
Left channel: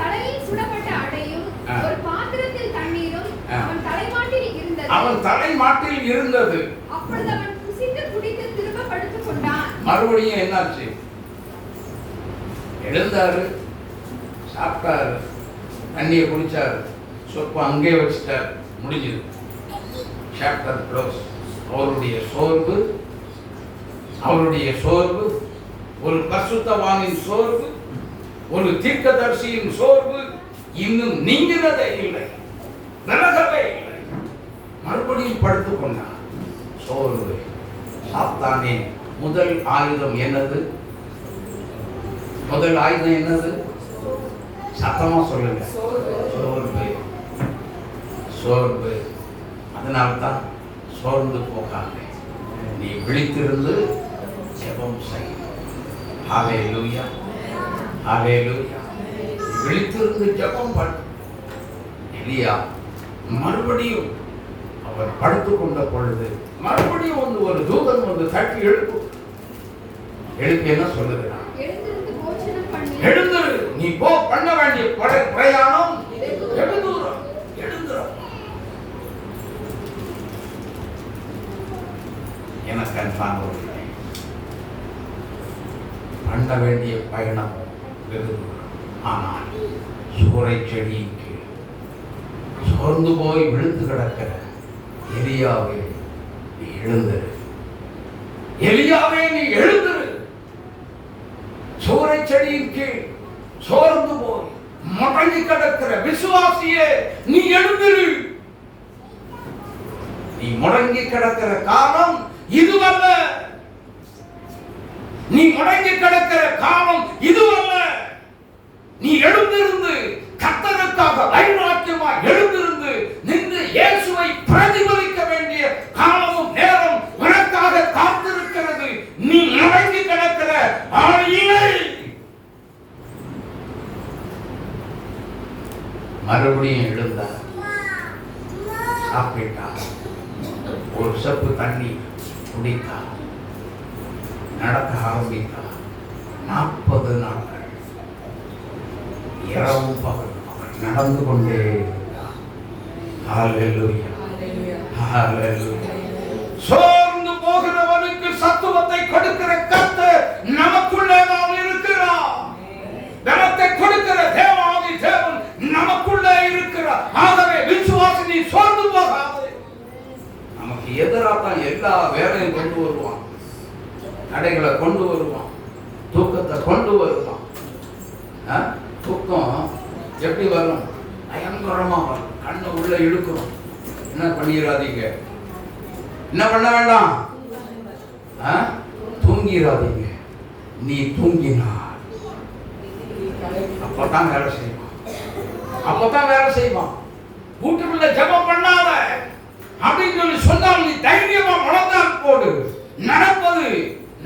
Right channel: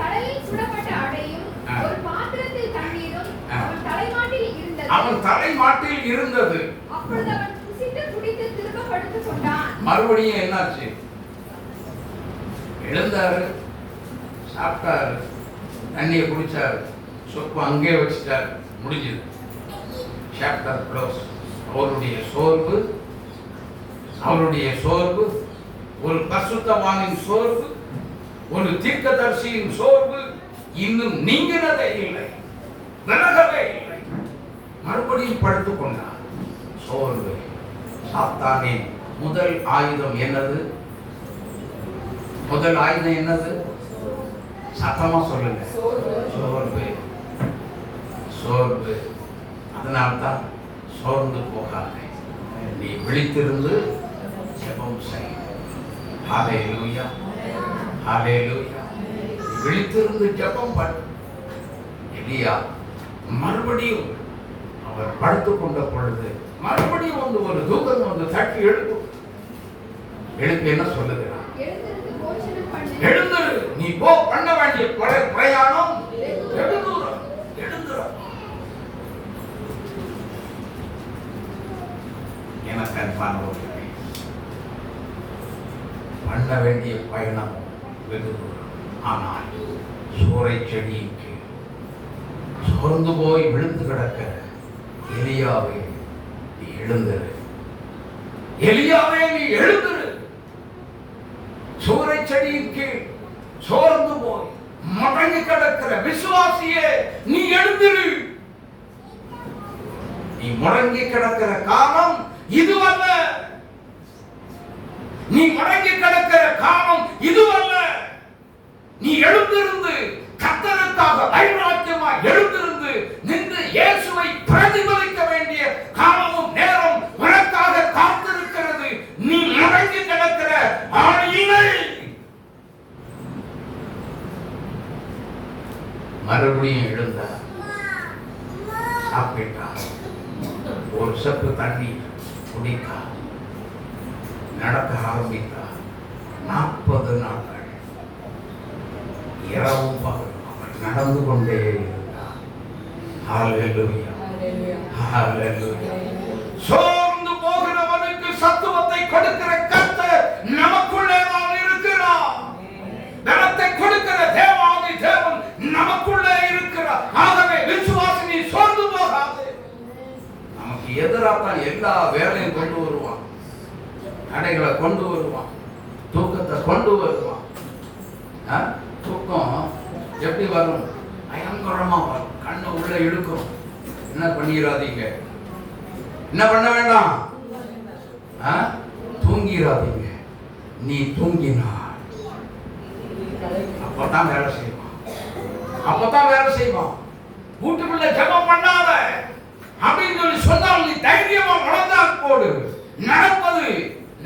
தலையில் சுடப்பட்ட அடையும் ஒரு பாத்திரத்தில் தண்ணீரும் அவன் தலைமாட்டில் இருந்தது. அவன் தலைமாட்டில் இருந்தது. அப்பொழுது அவன் குசித்து குடித்து திரும்ப படுத்துக் கொண்டான். மறுபடியும் என்னாச்சு? எழுந்தாரு, சாப்பிட்டாரு, தண்ணியை குடிச்சாரு, சொப்பு அங்கே வச்சுட்டாரு, முடிஞ்சது. Chapter close. அவருடைய சோர்வு, அவருடைய சோர்வு, ஒரு பரிசுத்தவானின் சோர்வு, ஒரு தீர்க்கதரிசியின் சோர்வு இன்னும் நீங்கினதே இல்லை, விலகவே இல்லை. மறுபடியும் படுத்துக் கொண்டார். சோர்வு. சாத்தானின் முதல் ஆயுதம் என்னது? முதல் ஆயுதம் என்னது? சத்தமா சொல்லுங்க. சோர்வு, சோர்வு. அதனால்தான் சோர்ந்து போகாதே, நீ விழித்திருந்து ஜெபம் செய். ஹல்லேலூயா, ஹல்லேலூயா. விழித்திருந்து ஜெபம் பண்ணு. எலியா மறுபடியும் அவர் படுத்துக் கொண்ட பொழுது மறுபடியும் வந்து ஒரு தூதன் வந்து தட்டி எழுப்பு. எழுப்பி என்ன சொல்லுகிறான்? எழுந்திரு, நீ போ, பண்ண வேண்டிய பிரயாணம். எழுந்துரு, எழுந்துரு. எனக்கு அன்பானவர்களே, பண்ண வேண்டிய பயணம் வெகு தூரம். ஆனால் சூறை செடியின் கீழ் சோர்ந்து போய் விழுந்து கிடக்கிற எலியாவே, நீ எழுந்திரு. எலியாவே, நீ எழுந்திரு. சூறை செடியின் கீழ் சோர்ந்து போய் முடங்கி கிடக்கிற விசுவாசியே, நீ எழுந்திரு. நீ முடங்கி கிடக்கிற காலம் இதுவல்ல. நீ முடங்கி கிடக்கிற காலம் இதுவல்ல. நீ எழுந்திருந்து கர்த்தருக்கு அதற்காக வைராக்கியமாக எழுந்திருந்து நின்று இயேசுவை பிரதிபலிக்க வேண்டிய காலமும் நேரம் உனக்காக காத்திருக்கிறது. நீ அடங்கி கிடக்கிற ஆயினை மறுபடியும் எழுந்தார், சாப்பிட்டார், ஒரு சப்பு தண்ணி குடித்தார், நடக்க ஆரம்பித்தார். 40 நாட்கள் இரவும் பகலும் அவர் நடந்து கொண்டே இருந்தார். ஹல்லேலூயா, ஹல்லேலூயா. சோர்ந்து போகிறவனுக்கு சத்துவத்தை கொடுக்கிற கர்த்தர் நமக்குள்ளே தான் இருக்கிறார். பலத்தை கொடுக்கிற தேவாதி தேவன் நமக்குள்ளே இருக்கிறார். ஆகவே விசுவாசி, நீ சோர்ந்து போகாதே. நமக்கு எதிராக தான் எல்லா வேலையும் கொண்டு வருவான், தடைகளை கொண்டு வருவான், தூக்கத்தை கொண்டு வருவான். தூக்கம் எப்படி வரும்? பயங்கரமா வரும், கண்ணை உள்ள இழுக்கும். என்ன பண்ணிடாதீங்க, என்ன பண்ண வேண்டாம், தூங்கிடாதீங்க. நீ தூங்கினா அப்பதான் வேலை செய்வான், அப்பதான் வேலை செய்வான். வீட்டுக்குள்ள ஜெபம் பண்ணாத அப்படின்னு சொல்லி சொன்னால் நீ தைரியமா முழந்தால் போடு, நடப்பது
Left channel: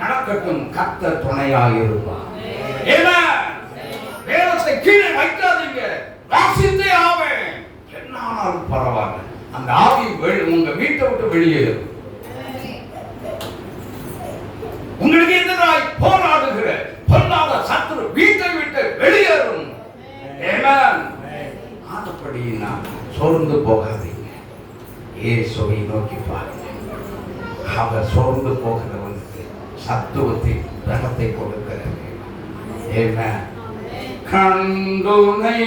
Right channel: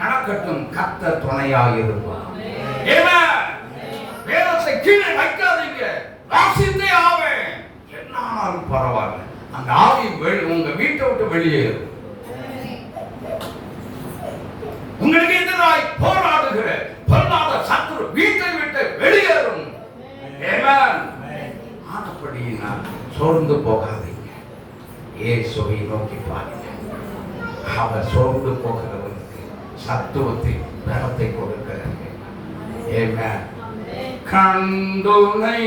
நடக்கட்டும், கர்த்தர் துணையாக இருப்பான். வேலத்தை கீழே வைக்காதீங்க, வாசித்தே ஆவேன், என்னாலும் பரவாயில்ல. அந்த ஆவி உங்க வீட்டை விட்டு வெளியேறும். உங்களுக்கு எதிராய் போராடுகிற பொல்லாத சத்துரு வீட்டை விட்டு வெளியேறும். ஆனப்படி நான் சோர்ந்து போகாதீங்க, இயேசுவை நோக்கி பாருங்க. அவர் சோர்ந்து போகிறவனுக்கு சத்துவத்தை பலத்தை கொடுக்கிறார். கண்டுனை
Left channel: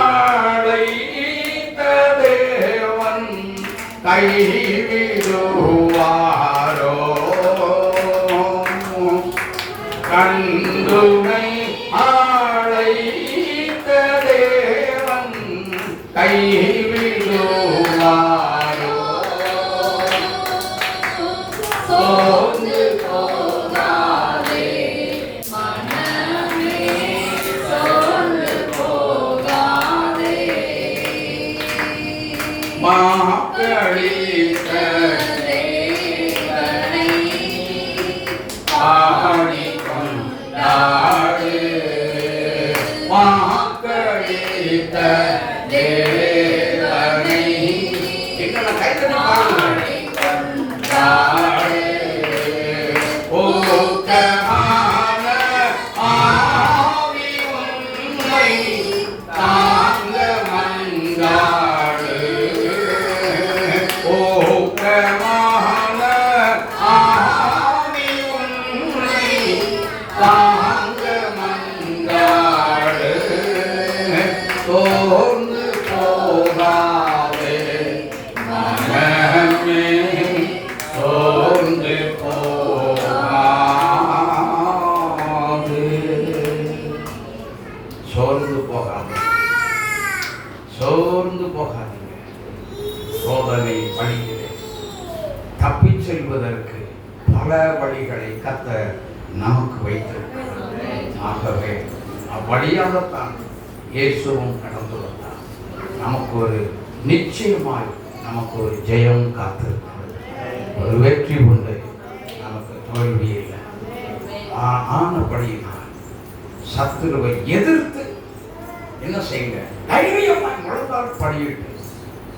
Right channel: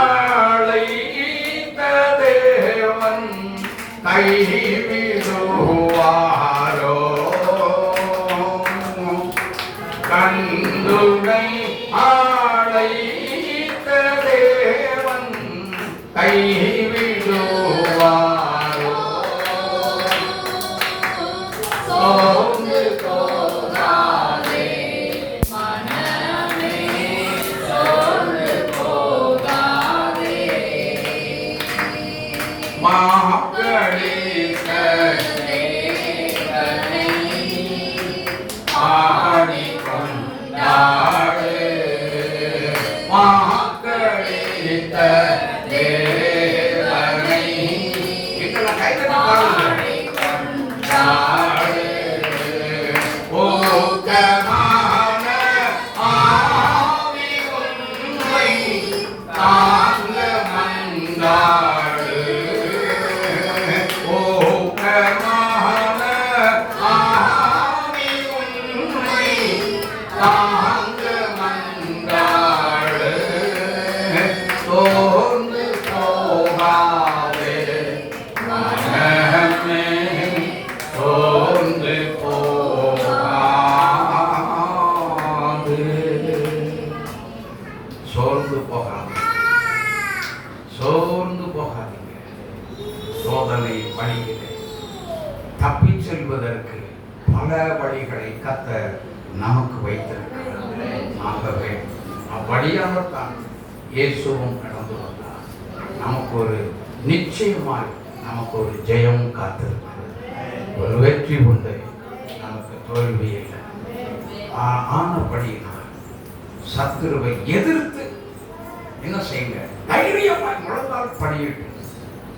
அழைத்த தேவன் கைவிடுவாரோ? கண்டுனை அழைத்த தேவன் கைவிடுவாரோ? சோர்ந்து போகாதே மனமே, சோர்ந்து போகாதே. மாக்களித்த தேவனை பாடிக்கொண்டாடு, மாக்களித்த தேவனை இன்னும் கைத்தனாடு ஓக்கமான ஆவி உன்னை தாங்க மங்காடு. ஓக்கமான ஆவி உன்னை தாங்க மங்காடு. சோர்ந்து போகாதே மனமே, சோர்ந்து போகாதே. சோர்ந்து போகாதே, சோர்ந்து போகாதீங்க. சோதனை வழியிலே தப்பிச் செல்வதற்கு பல வழிகளை கர்த்தர் நமக்கு வைத்திருக்கிறார். ஆகவே அவ்வழியாகத்தான் இயேசுவும் கடந்து வந்தார். நமக்கு ஒரு நிச்சயமாய் நமக்கு ஒரு ஜெயம் காத்திருக்கிறது, ஒரு வெற்றி உண்டு, நமக்கு தோல்வி இல்லை. ஆனபடியினால் சத்துருவை எதிர்த்து என்ன செய்யுங்க, தைரியமாய் முழங்கால் படியிட்டு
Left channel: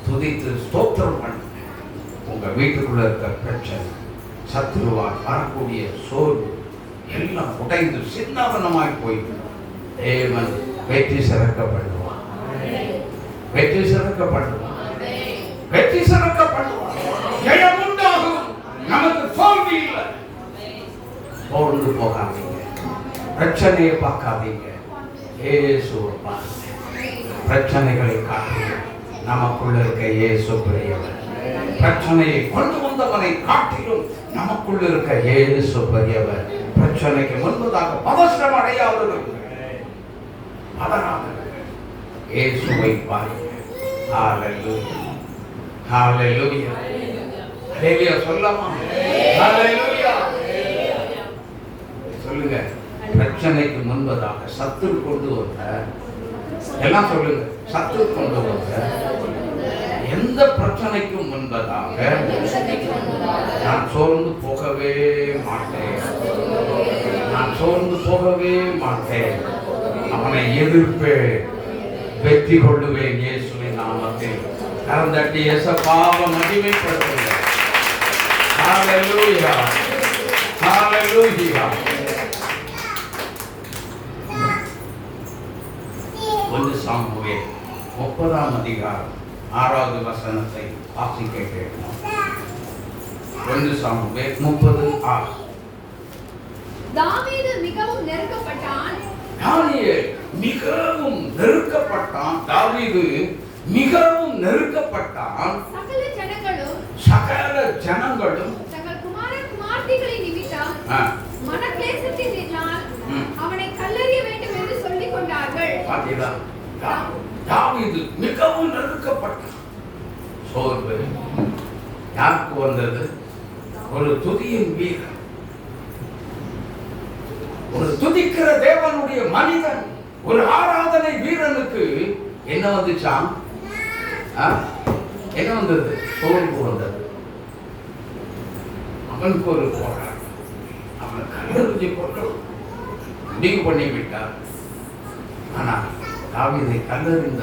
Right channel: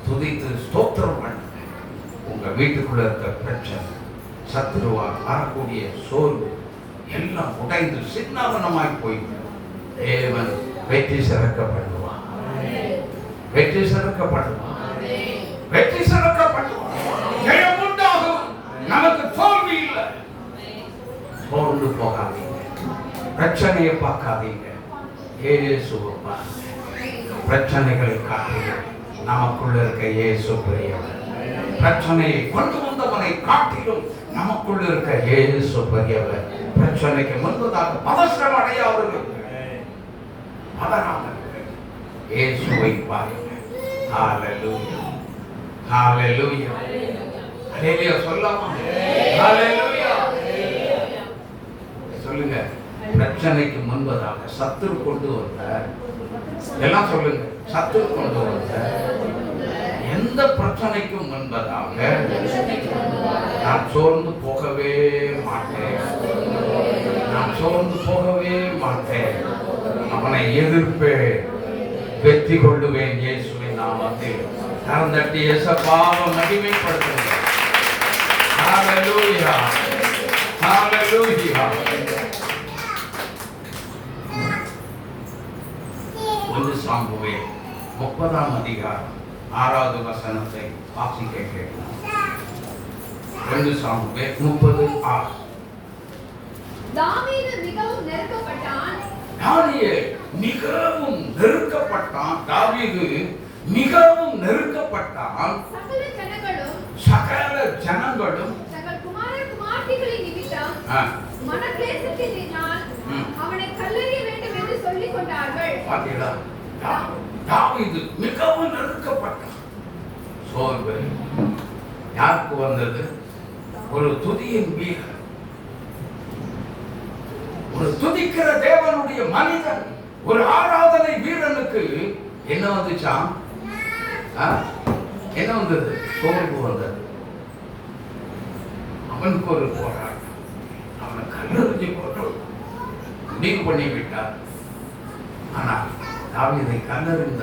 துதித்து ஸ்தோத்திரம் பண்ணுங்க. உங்க வீட்டுக்குள்ள இருக்க பிரச்சனை, சத்துருவால் வரக்கூடிய சோர்வு எல்லாம் உடைந்து சின்னாபனமாய் போய்விடும். தேவன் வெற்றி சிறக்க பண்ணுவான், வெற்றி சிறக்க பண்ணுவான், வெற்றி சிறக்க பண்ணுவான். ஜெயம் உண்டாகும், நமக்கு தோல்வி இல்லை. சோர்ந்து போகாதீங்க, பிரச்சனையை பார்க்காதீங்க, இயேசுவை பாருங்க. பிரச்சனைகளை காட்டுங்க, நமக்குள்ள இருக்க இயேசு பெரியவர். பிரச்சனையை கொண்டு வந்தவனை காட்டிலும் நமக்குள்ள இருக்க இயேசு பெரியவர். பிரச்சனைக்கு முன்பதாக பதஷ்டம் அடையாதவர்கள் இயேசுவை பாருங்க. ஹல்லேலூயா, ஹல்லேலூயா, ஹல்லேலூயா சொல்லமா? ஹல்லேலூயா சொல்லுங்க. பிரச்சனைக்கு முன்பதாக சத்துரு கொண்டு வந்த எல்லாம் சொல்லுங்க. சத்துரு கொண்டு வந்த எந்த பிரச்சனைக்கும் முன்பதாக நான் சோர்ந்து போகவே மாட்டேன். நான் சோர்ந்து போகவே மாட்டேன். அவனை எதிர்ப்பேன், வெற்றி கொள்ளுவேன் இயேசுவின் நாமத்தில். கரந்தட்டி இயேசுவை மகிமைப்படுத்துங்கள். ஹalleluya, ஹalleluya. 1 சாமுவேல் 30ஆம் அதிகாரம் 6வது வசனத்தை வாசிக்க கேட்கலாம். 1 சாமுவேல் 30:6. தாவீது மிகவும் நெருக்கப்பட்டான். மிகவும் நெருக்கப்பட்டான். தாவீது மிகவும் நெருக்கப்பட்டான். சகல ஜனங்களும் தங்கள் குமாரன் குமார்த்திகளின் நிமித்தம் மனக்லேசத்தினால் அவனை கல்லெறிய வேண்டும் என்று சொல்லிக் கொண்டார்கள். பாத்தீங்களா? தாவீது மிகவும் நெருக்கப்பட்டான். சோர்வு யாருக்கு வந்தது? ஒரு துதியின் வீரன், ஒரு துதிக்கிற தேவனுடைய மனிதன், ஒரு ஆராதனை வீரனுக்கு என்ன வந்துச்சாம்? என்ன வந்தது? சோர்வு வந்தது. அவனுக்கு ஒரு போராட்டம். அவனை கல்லெறிஞ்சு கொண்டு முடிவு பண்ணி விட்டார். ஆனால் தாவீதை கல்லெறிந்த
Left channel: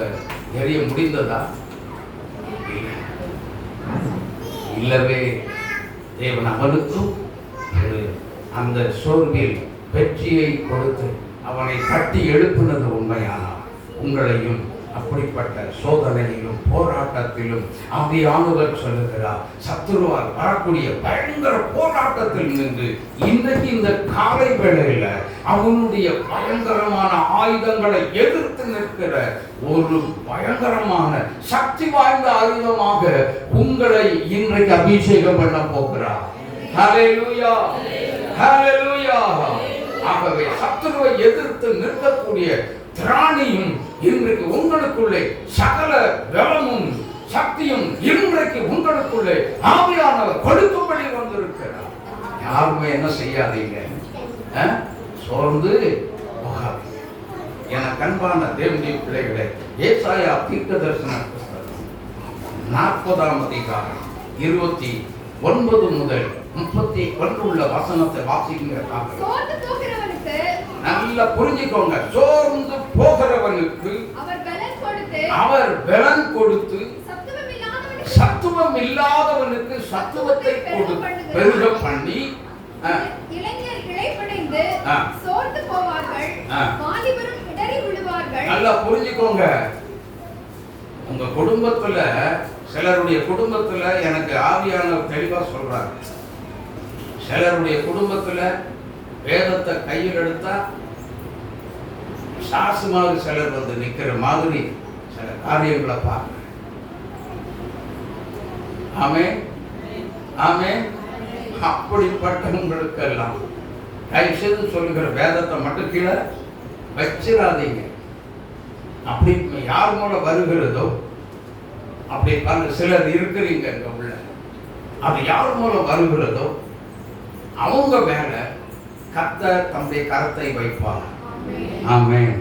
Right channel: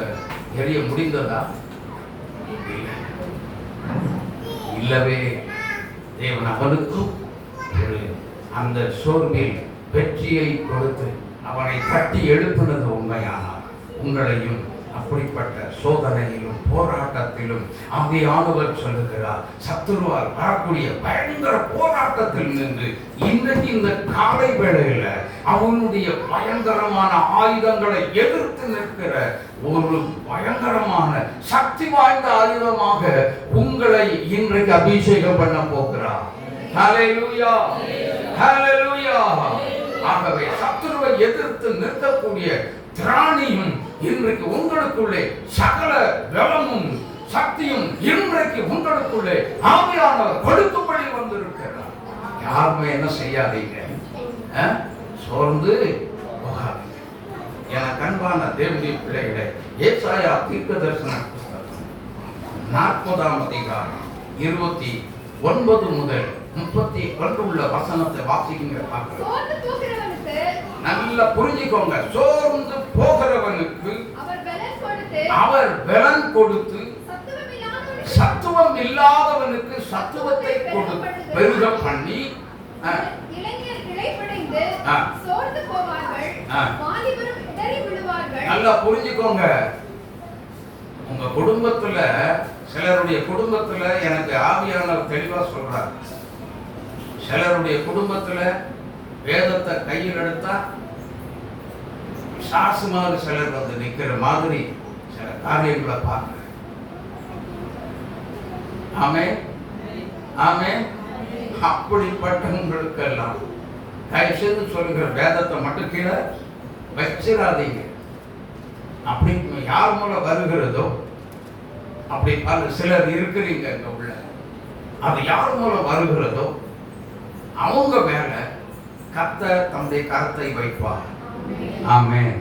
எறிய முடிந்ததா? இல்லவே. தேவன் அவனுக்கும் ஒரு அந்த சோர்வில் வெற்றியை கொடுத்து அவனை தட்டி எழுப்பினது உண்மையானால் உங்களையும் அப்படிப்பட்ட சோதனையிலும் போராட்டத்திலும் ஆவியானவர் சொல்லுகிறார், சத்துருவால் வரக்கூடிய பயங்கர போராட்டத்தில் நின்று இன்றைக்கு இந்த காலை வேளையில் அவனுடைய பயங்கரமான ஆயுதங்களை எதிர்த்து நிற்கிற ஒரு பயங்கரமான சக்தி வாய்ந்த ஆயுதமாக உங்களை இன்றைக்கு அபிஷேகம் பண்ண போகிறார். ஹல்லேலூயா, ஹல்லேலூயா. ஆகவே சத்துருவை எதிர்த்து நிற்கக்கூடிய திராணியும் இன்றைக்கு உங்களுக்குள்ளே, சகல பலமும் சக்தியும் இன்றைக்கு உங்களுக்குள்ளே ஆவியானவர் கொடுக்கும்படி வந்திருக்கிறார். யாருமே என்ன செய்யாதீங்க, சோர்ந்து போகாதீங்க. என கண்பான தேவனுடைய பிள்ளைகளே, ஏசாயா தீர்க்கதரிசன புத்தகம் 40ஆம் அதிகாரம் 29 முதல் 31 உள்ள வசனத்தை வாசிக்கிற நல்லா புரிஞ்சுக்கோங்க. சோர்ந்து போகிறவனுக்கு அவர் பலன் கொடுத்து, சத்துவம் இல்லாதவனுக்கு சத்துவத்தை கொடுத்து பெருக பண்ணி, நல்லா புரிஞ்சுக்கோங்க. உங்க குடும்பத்துல, சிலருடைய குடும்பத்துல எனக்கு ஆவியானவர் தெளிவா சொல்றார். சிலருடைய குடும்பத்துல வேதத்தை கையில் எடுத்தா சாசு மாதிரி சிலர் வந்து நிக்கிற மாதிரி சில காரியங்களை பார்க்க. ஆமே, ஆமே. அப்படிப்பட்டவங்களுக்கெல்லாம் தயவு செய்து சொல்லுகிற, வேதத்தை மட்டும் கீழே வச்சிடாதீங்க. அப்படி யார் மூலம் வருகிறதோ, அப்படி பல சிலர் இருக்கிறீங்க இங்க உள்ள, அது யார் மூலம் வருகிறதோ அவங்க மேல கர்த்தர் தம்முடைய கரத்தை வைப்பார். ஆமென்.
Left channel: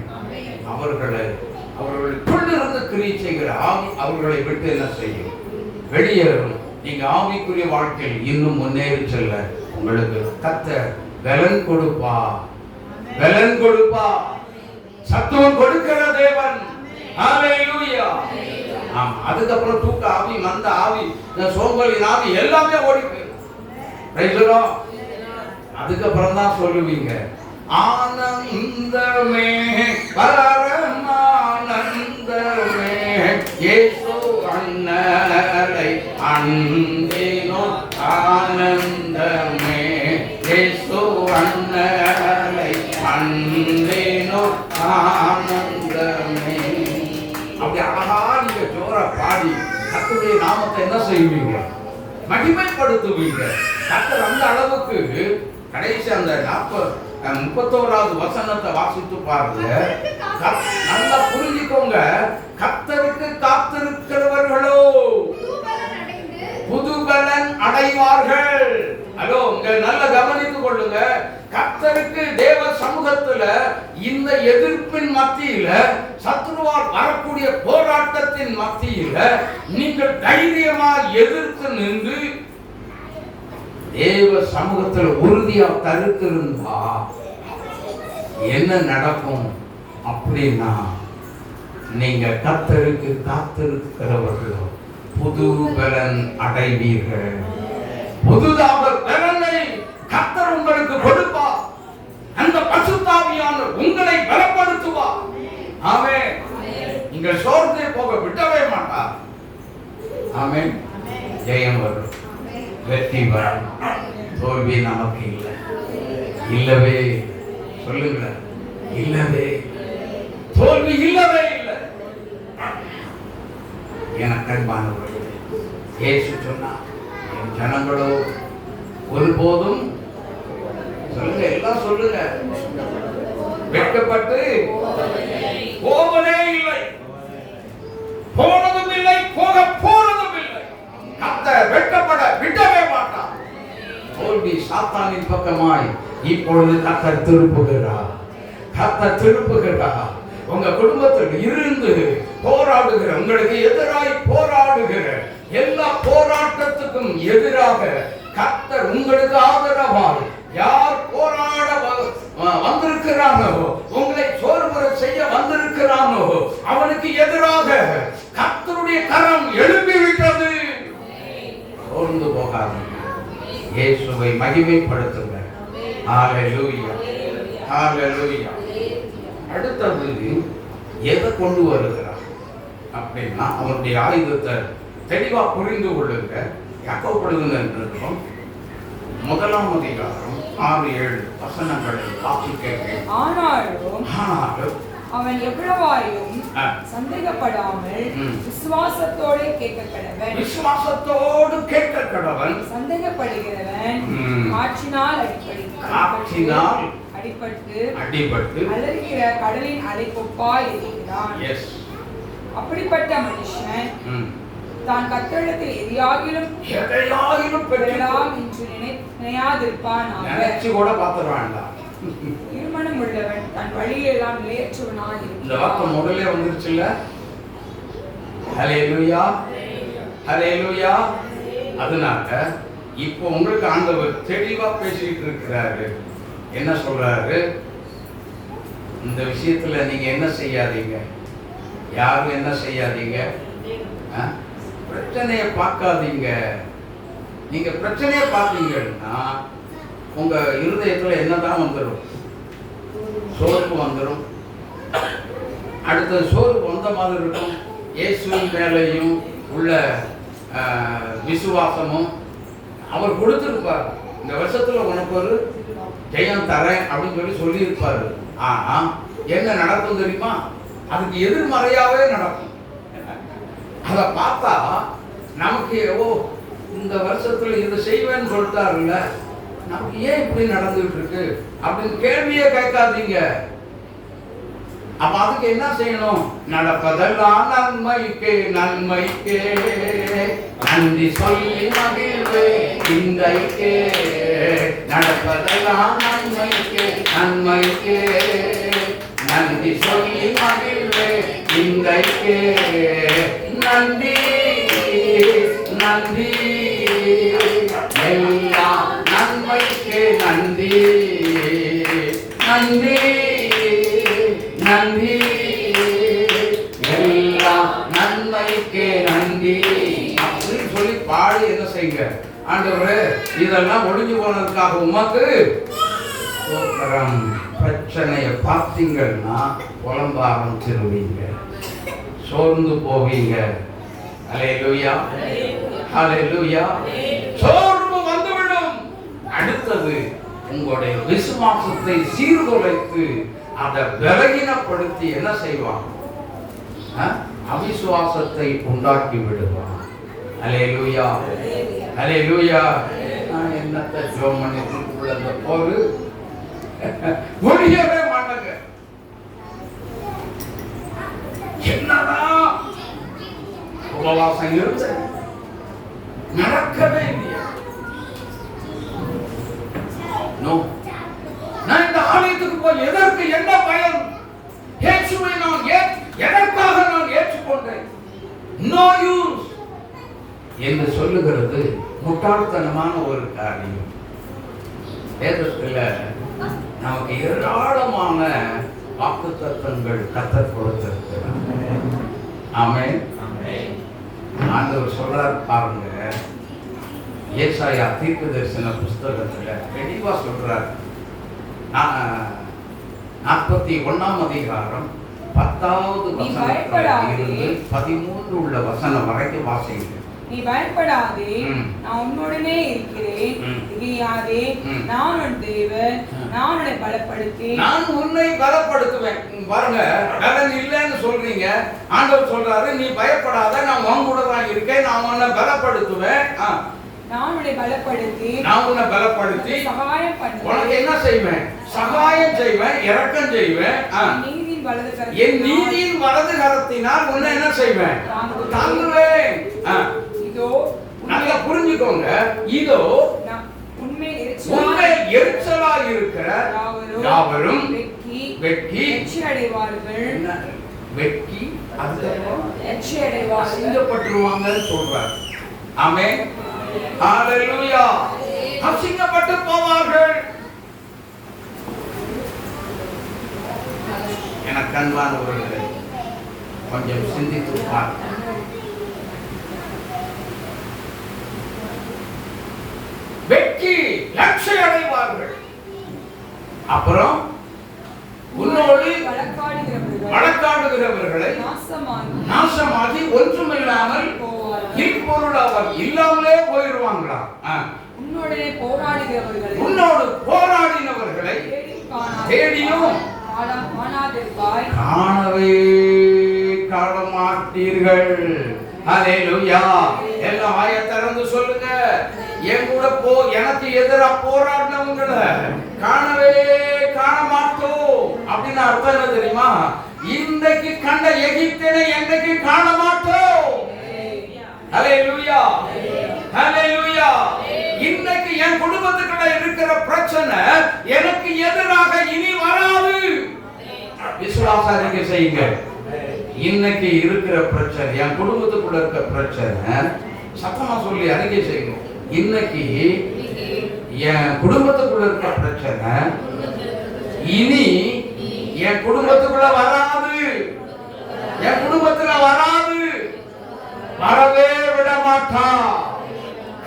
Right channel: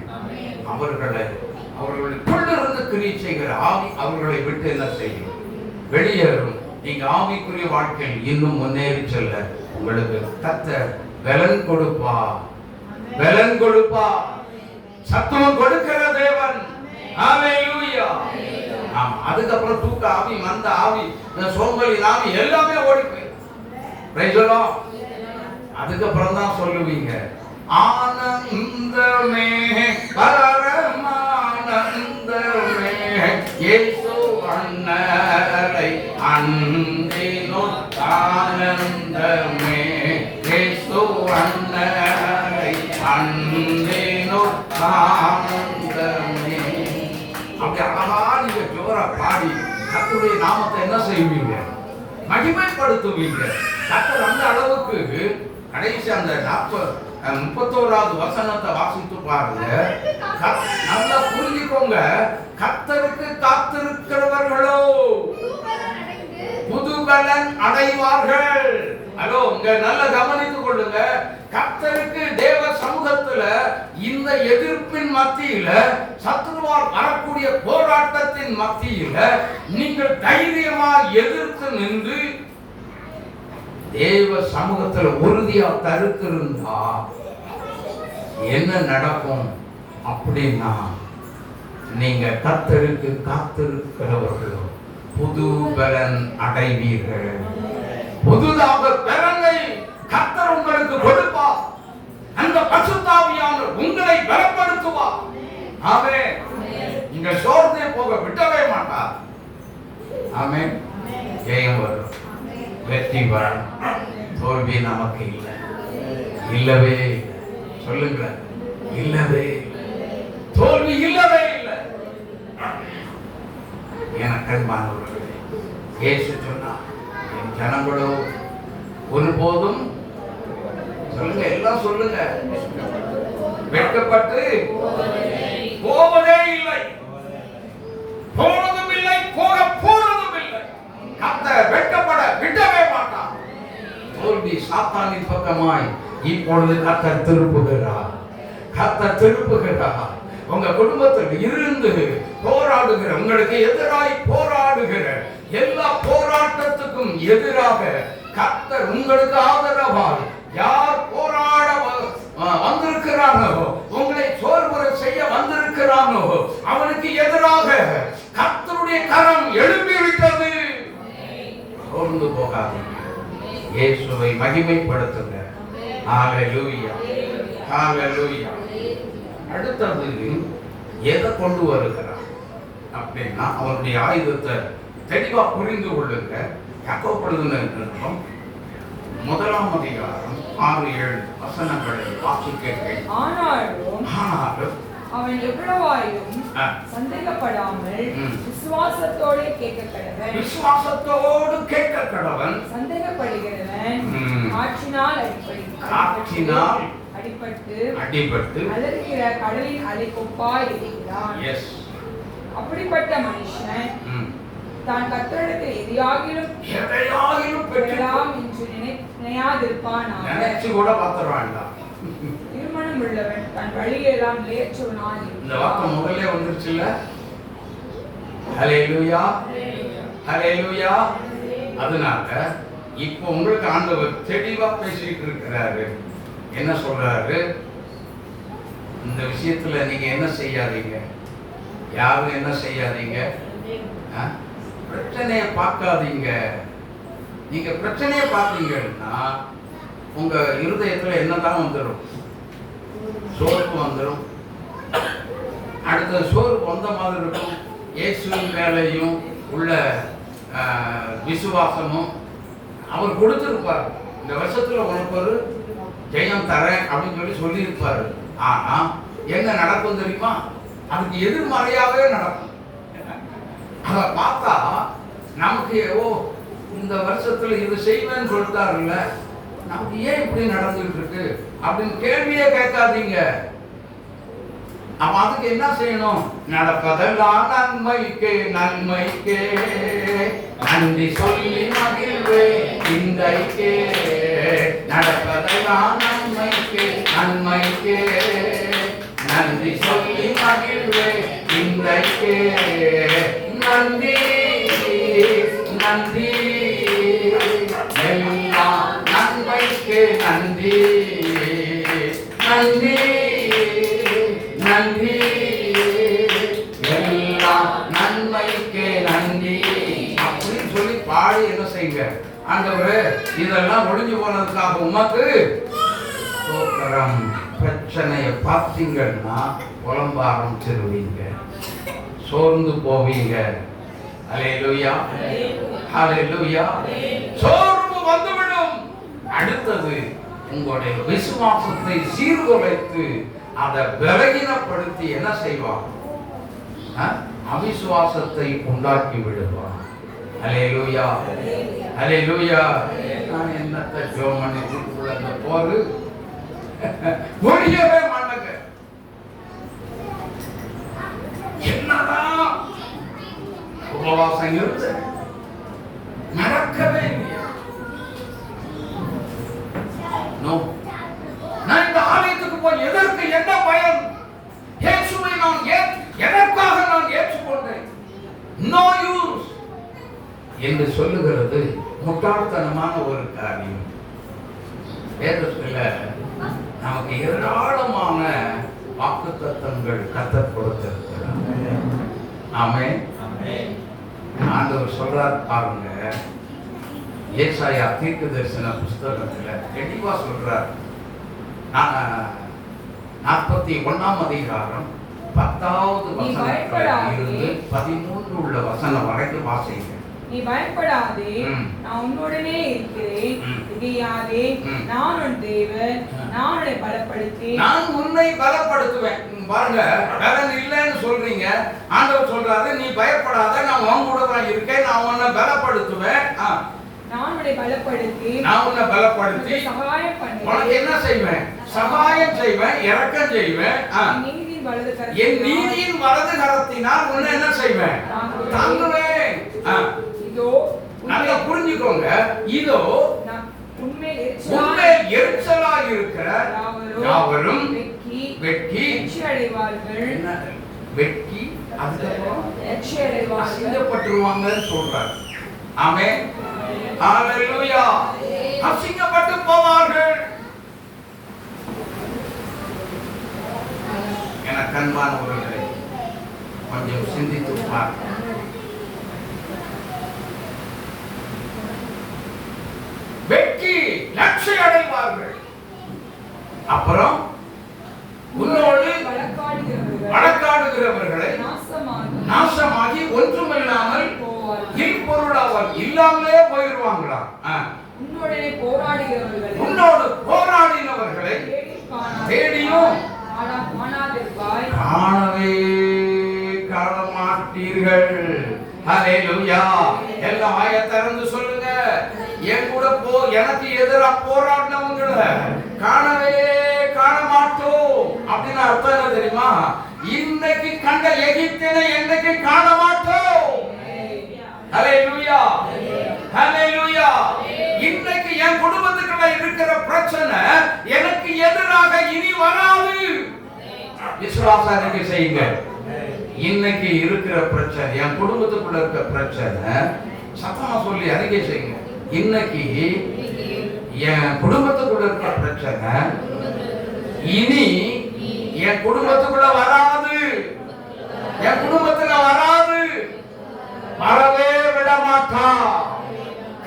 அவர்களுக்குள்ளிருந்து கிரியை செய்கிற ஆவி அவர்களை விட்டு என்ன செய்யும்? வெளியேறும். நீங்க ஆவிக்குரிய வாழ்க்கையில் இன்னும் முன்னேறி செல்ல உங்களுக்கு கர்த்தர் பலன் கொடுப்பா, பலன் கொடுப்பா. சத்துவம் கொடுக்கிற தேவன். ஹல்லேலூயா. அதுக்கப்புறம் தூக்க ஆவி, மந்த ஆவி, சோம்பலின் ஆவி எல்லாமே ஓடி போயிடும். அதுக்கப்புறம் தான் சொல்லுவீங்க, ஆனந்தமே பரமானந்தமே இயேசு அண்ணலை அன்பினோ ஆனந்தமே இயேசு அண்ணலை அன்பினோ ஆனந்தமே. அப்படி அழகா நீங்க ஜோரா பாடி கர்த்தருடைய நாமத்தை என்ன செய்வீங்க? மகிமைப்படுத்துவீங்க. கர்த்தர் அந்த அளவுக்கு கடைசி அந்த 31வது வசனத்தை வாசித்து பாருங்க. நல்லா புரிஞ்சுக்கோங்க. கர்த்தருக்கு காத்திருக்கிறவர்களோ புது பலன் அடைவார்கள். ஹலோ, உங்க நல்லா கவனித்துக் கொள்ளுங்க. கர்த்தருக்கு தேவ சமூகத்துல இந்த எதிர்ப்பின் மத்தியில, சத்துருவால் வரக்கூடிய போராட்டத்தின் மத்தியில நீங்கள் தைரியமா எதிர்த்து நின்று தேவ சமூகத்துல உறுதியா கருத்திருந்தா என்ன நடக்கும் அப்படின்னா, நீங்க கர்த்தருக்கு காத்திருக்கிறவர்களோ புது பலன் அடைவீர்கள். புதுதாக பலனை கர்த்தர் உங்களுக்கு கொடுப்பார். அந்த பரிசுத்தாவியானவர் உங்களை பலப்படுத்துவார். ஆமென். நீங்கள் சோர்ந்தே போக விடவே மாட்டார். ஆமென். ஜெயம் வரும், வெற்றி வரும், தோல்வி நமக்கு இல்லை. இல்லவே சொல்லுங்க, இல்லவே தோல்வி இல்லவே இல்லை. எனக்கு அன்பானவர்களே, இயேசு சொன்னார், என் ஜனங்களோ ஒருபோதும் சொல்லுங்க, எல்லாம் சொல்லுங்க, வெட்கப்பட்டு போவதே இல்லை, போனதும் இல்லை, போக போனதும் இல்லை. கர்த்தர் வெட்கப்பட விடவே மாட்டார். தோல்வி சாத்தானின் பக்கமாய் இப்பொழுது கர்த்தர் திருப்புகிறார். கர்த்தர் திருப்புகிறார். உங்க குடும்பத்தில் இருந்து போராடுகிற, உங்களுக்கு எதிராய் போராடுகிற எல்லா போராட்டத்துக்கும் எதிராக கர்த்தர் உங்களுக்கு ஆதரவாய் யார் போராட வந்திருக்கிறானோ, உங்களை சோர்வுற செய்ய வந்திருக்கிறானோ, அவனுக்கு எதிராக கர்த்தருடைய கரம் எழும்பிவிட்டது. சோர்ந்து போகாதீங்க, இயேசுவை மகிமைப்படுத்துங்க. ஹalleluya, ஹalleluya. அடுத்தது எதை கொண்டு வருகிறார் அப்படின்னா, அவருடைய ஆயுதத்தை தெளிவா புரிந்து கொள்ளுங்க. யாக்கோபு முதலாம் அதிகாரம் 6-7 வசனங்களை வாசிக்கிறேன். ஆனாலும் அவன் எவ்வளவாயிலும் சந்தேகப்படாமல் விசுவாசத்தோடு கேட்க கடவன். விசுவாசத்தோடு கேட்க கடவன். சந்தேகப்படுகிறவன் காற்றினால் அடிபட்டு அலறுகிற கடலின் அலைக்கொப்பாய் இருக்கிறான். அப்படிப்பட்ட மனுஷன் தான் கர்த்தரிடத்தில் எதையாகிலும் பெறலாம் என்று நினையாதிருப்பானாக. நினைச்சு கூட பார்த்துறான்டா. திருமணம் உள்ளவன் தன் வழியெல்லாம் நிலையற்றவனாய் இருக்கிறான். இந்த வார்த்தை முதல்ல வந்துருச்சுல்ல. ஹல்லேலூயா, ஹல்லேலூயா. அதனால இப்போ உங்களுக்கு ஆண்டவர் தெளிவா பேசிட்டு இருக்கிறாரு. என்ன சொல்றாரு? இந்த விஷயத்துல நீங்க என்ன செய்யாதீங்க, யாரும் என்ன செய்யாதீங்க, பிரச்சனையை பார்க்காதீங்க. நீங்க பிரச்சனையை பார்த்தீங்கன்னா உங்க இருதயத்துல என்னதான் வந்துடும்? சோர்வு வந்துடும். அடுத்த சோர்வு வந்த மாதிரி இருக்கும். இயேசுவின் மேலையும் உள்ள விசுவாசமும் அவர் கொடுத்திருப்பார். இந்த வருஷத்துல உனக்கு ஒரு ஜெயம் தரேன் அப்படின்னு சொல்லியிருப்பாரு. ஆனா என்ன நடக்கும் தெரியுமா? அதுக்கு எதிர்மறையாவே நடக்கும். அதை பார்த்தா நமக்கு இந்த வருஷத்துல இது செய்வேன்னு சொல்லிட்டாருல்ல, நமக்கு ஏன் இப்படி நடந்துகிட்டு இருக்கு அப்படின்னு கேள்வியே கேட்காதீங்க. அப்ப அதுக்கு என்ன செய்யணும்? நடப்பதெல்லாம் நன்மைக்கே, நன்மைக்கே நன்றி சொல்லி மகிழ்வே இன்றைக்கே. நடப்பதெல்லாம் நன்மைக்கே, நன்மைக்கே நன்றி சொல்லி மகிழ்வே இன்றைக்கே. நன்றி நன்றி எல்லாம் நன்மைக்கே நன்றி, நன்றி நன்றி எல்லாம் நன்மைக்கே நன்றி அப்படின்னு சொல்லி பாடி என்ன செய்யுங்க? ஆண்டவரே, இதெல்லாம் ஒழிஞ்சு போனதுக்காக உமக்கு ஸ்தோத்திரம். பிரச்சனையை பார்த்தீங்கன்னா புலம்ப ஆரம்பிச்சிருவீங்க, சோர்ந்து போவீங்க. ஹல்லேலூயா, ஹல்லேலூயா. சோர்வு வந்துவிடும். அடுத்தது உங்களுடைய விசுவாசத்தை சீர்குலைத்து அதை பலகீனப்படுத்தி என்ன செய்வான்? அவிசுவாசத்தை உண்டாக்கி விடுவான். ஹல்லேலூயா, ஹல்லேலூயா. நான் என்னத்தை ஜோமணி உள்ள அந்த போரு முடியவே மாட்டாங்க. என்னதான் உபவாசம் இருந்து நடக்கவே இல்லையா? ஆலயத்துக்கு போய் எதற்கு என்ன பயன்? இயேசுவை நான் எதற்காக நான் ஏற்றுக்கொண்டேன்? நோ யூஸ் என்று சொல்லுகிறது முட்டாள்தனமான ஒரு காரியம். வேதத்தில் நமக்கு ஏராளமான வாக்குத்தத்தங்கள் கர்த்தர் கொடுத்திருக்கிறார். ஆமென். ஆண்டவர் சொல்றார் பாருங்க, ஏசாயா தீர்க்கதரிசன புஸ்தகத்துல தெளிவா சொல்றார். 41ஆம் அதிகாரம் 10வது வசனத்திலிருந்து 13 உள்ள வசனம் வரைக்கும் வாசிங்க. நீ பயப்படாதே, நான் உன்னுடனே இருக்கிறேன். திகையாதே, நான் உன் தேவன், நான் உன்னை பலப்படுத்தி நான் உன்னை பலப்படுத்துவேன். பாருங்க, பலன் இல்லைன்னு சொல்றீங்க. ஆண்டவர் சொல்றாரு, நீ பயப்படாத, நான் உன் கூட தான் இருக்கேன், நான் உன்னை பலப்படுத்துவேன். நான் உன்னை பலப்படுத்தி சகாயம் பண்ணுவேன். உனக்கு என்ன செய்வேன்? சகாயம் செய்வேன், இரக்கம் செய்வேன். என் நீதியின் வலது கரத்தினால் உன்னை என்ன செய்வேன்? தாங்குவேன். இதோ நல்லா புரிஞ்சுக்கோங்க. இதோ உன்மேல் எரிச்சலாய் இருக்கிற யாவரும் வெட்கி அடைவார்கள். வெட்கி அடைவார்கள், அசிங்கப்பட்டுருவாங்கன்னு சொல்றார். ஆமென். ஹalleluya. அசிங்கப்பட்டு போவார்கள். எனக்கு அன்பானவர்களே, கொஞ்சம் சிந்தித்து பாருங்க. வெட்கி லட்சை அடைவார்கள். அப்புறம் உன்னோடு வழக்காடுகிறவர்களை நாசமாகி ஒன்றுமில்லாமல் இல்பொருள் அவர் இல்லாமலே போயிடுவாங்களா? உன்னோடு போராடினவர்களை தேடியும் காணவே காணமாட்டீர்கள். ஹalleluya. எல்லாம் வாயை திறந்து சொல்லுங்க. என் கூட எனக்கு எதிரா போராடினவங்களை காணவே காண மாட்டோம் அப்படின்னு அர்த்தம் என்ன தெரியுமா? இன்னைக்கு கண்ட எகிப்தினை என்னைக்கு காண மாட்டோம். ஹalleluya. ஹalleluya. இன்னைக்கு என் குடும்பத்துக்குள்ள இருக்கிற பிரச்சனை எனக்கு எதிராக இனி வராது. விசுவாசம் அறிக்கை செய்யுங்க. இன்னைக்கு இருக்கிற பிரச்சனை, என் குடும்பத்துக்குள்ள இருக்கிற பிரச்சனை, சத்தமா சொல்லி அறிக்கை செய்யுங்க. இன்னைக்கு என் குடும்பத்துக்குள்ள இருக்கிற பிரச்சனை இனி என் குடும்பத்துக்குள்ள வராது. என் குடும்பத்துல வராது. வரவே விட மாட்டா.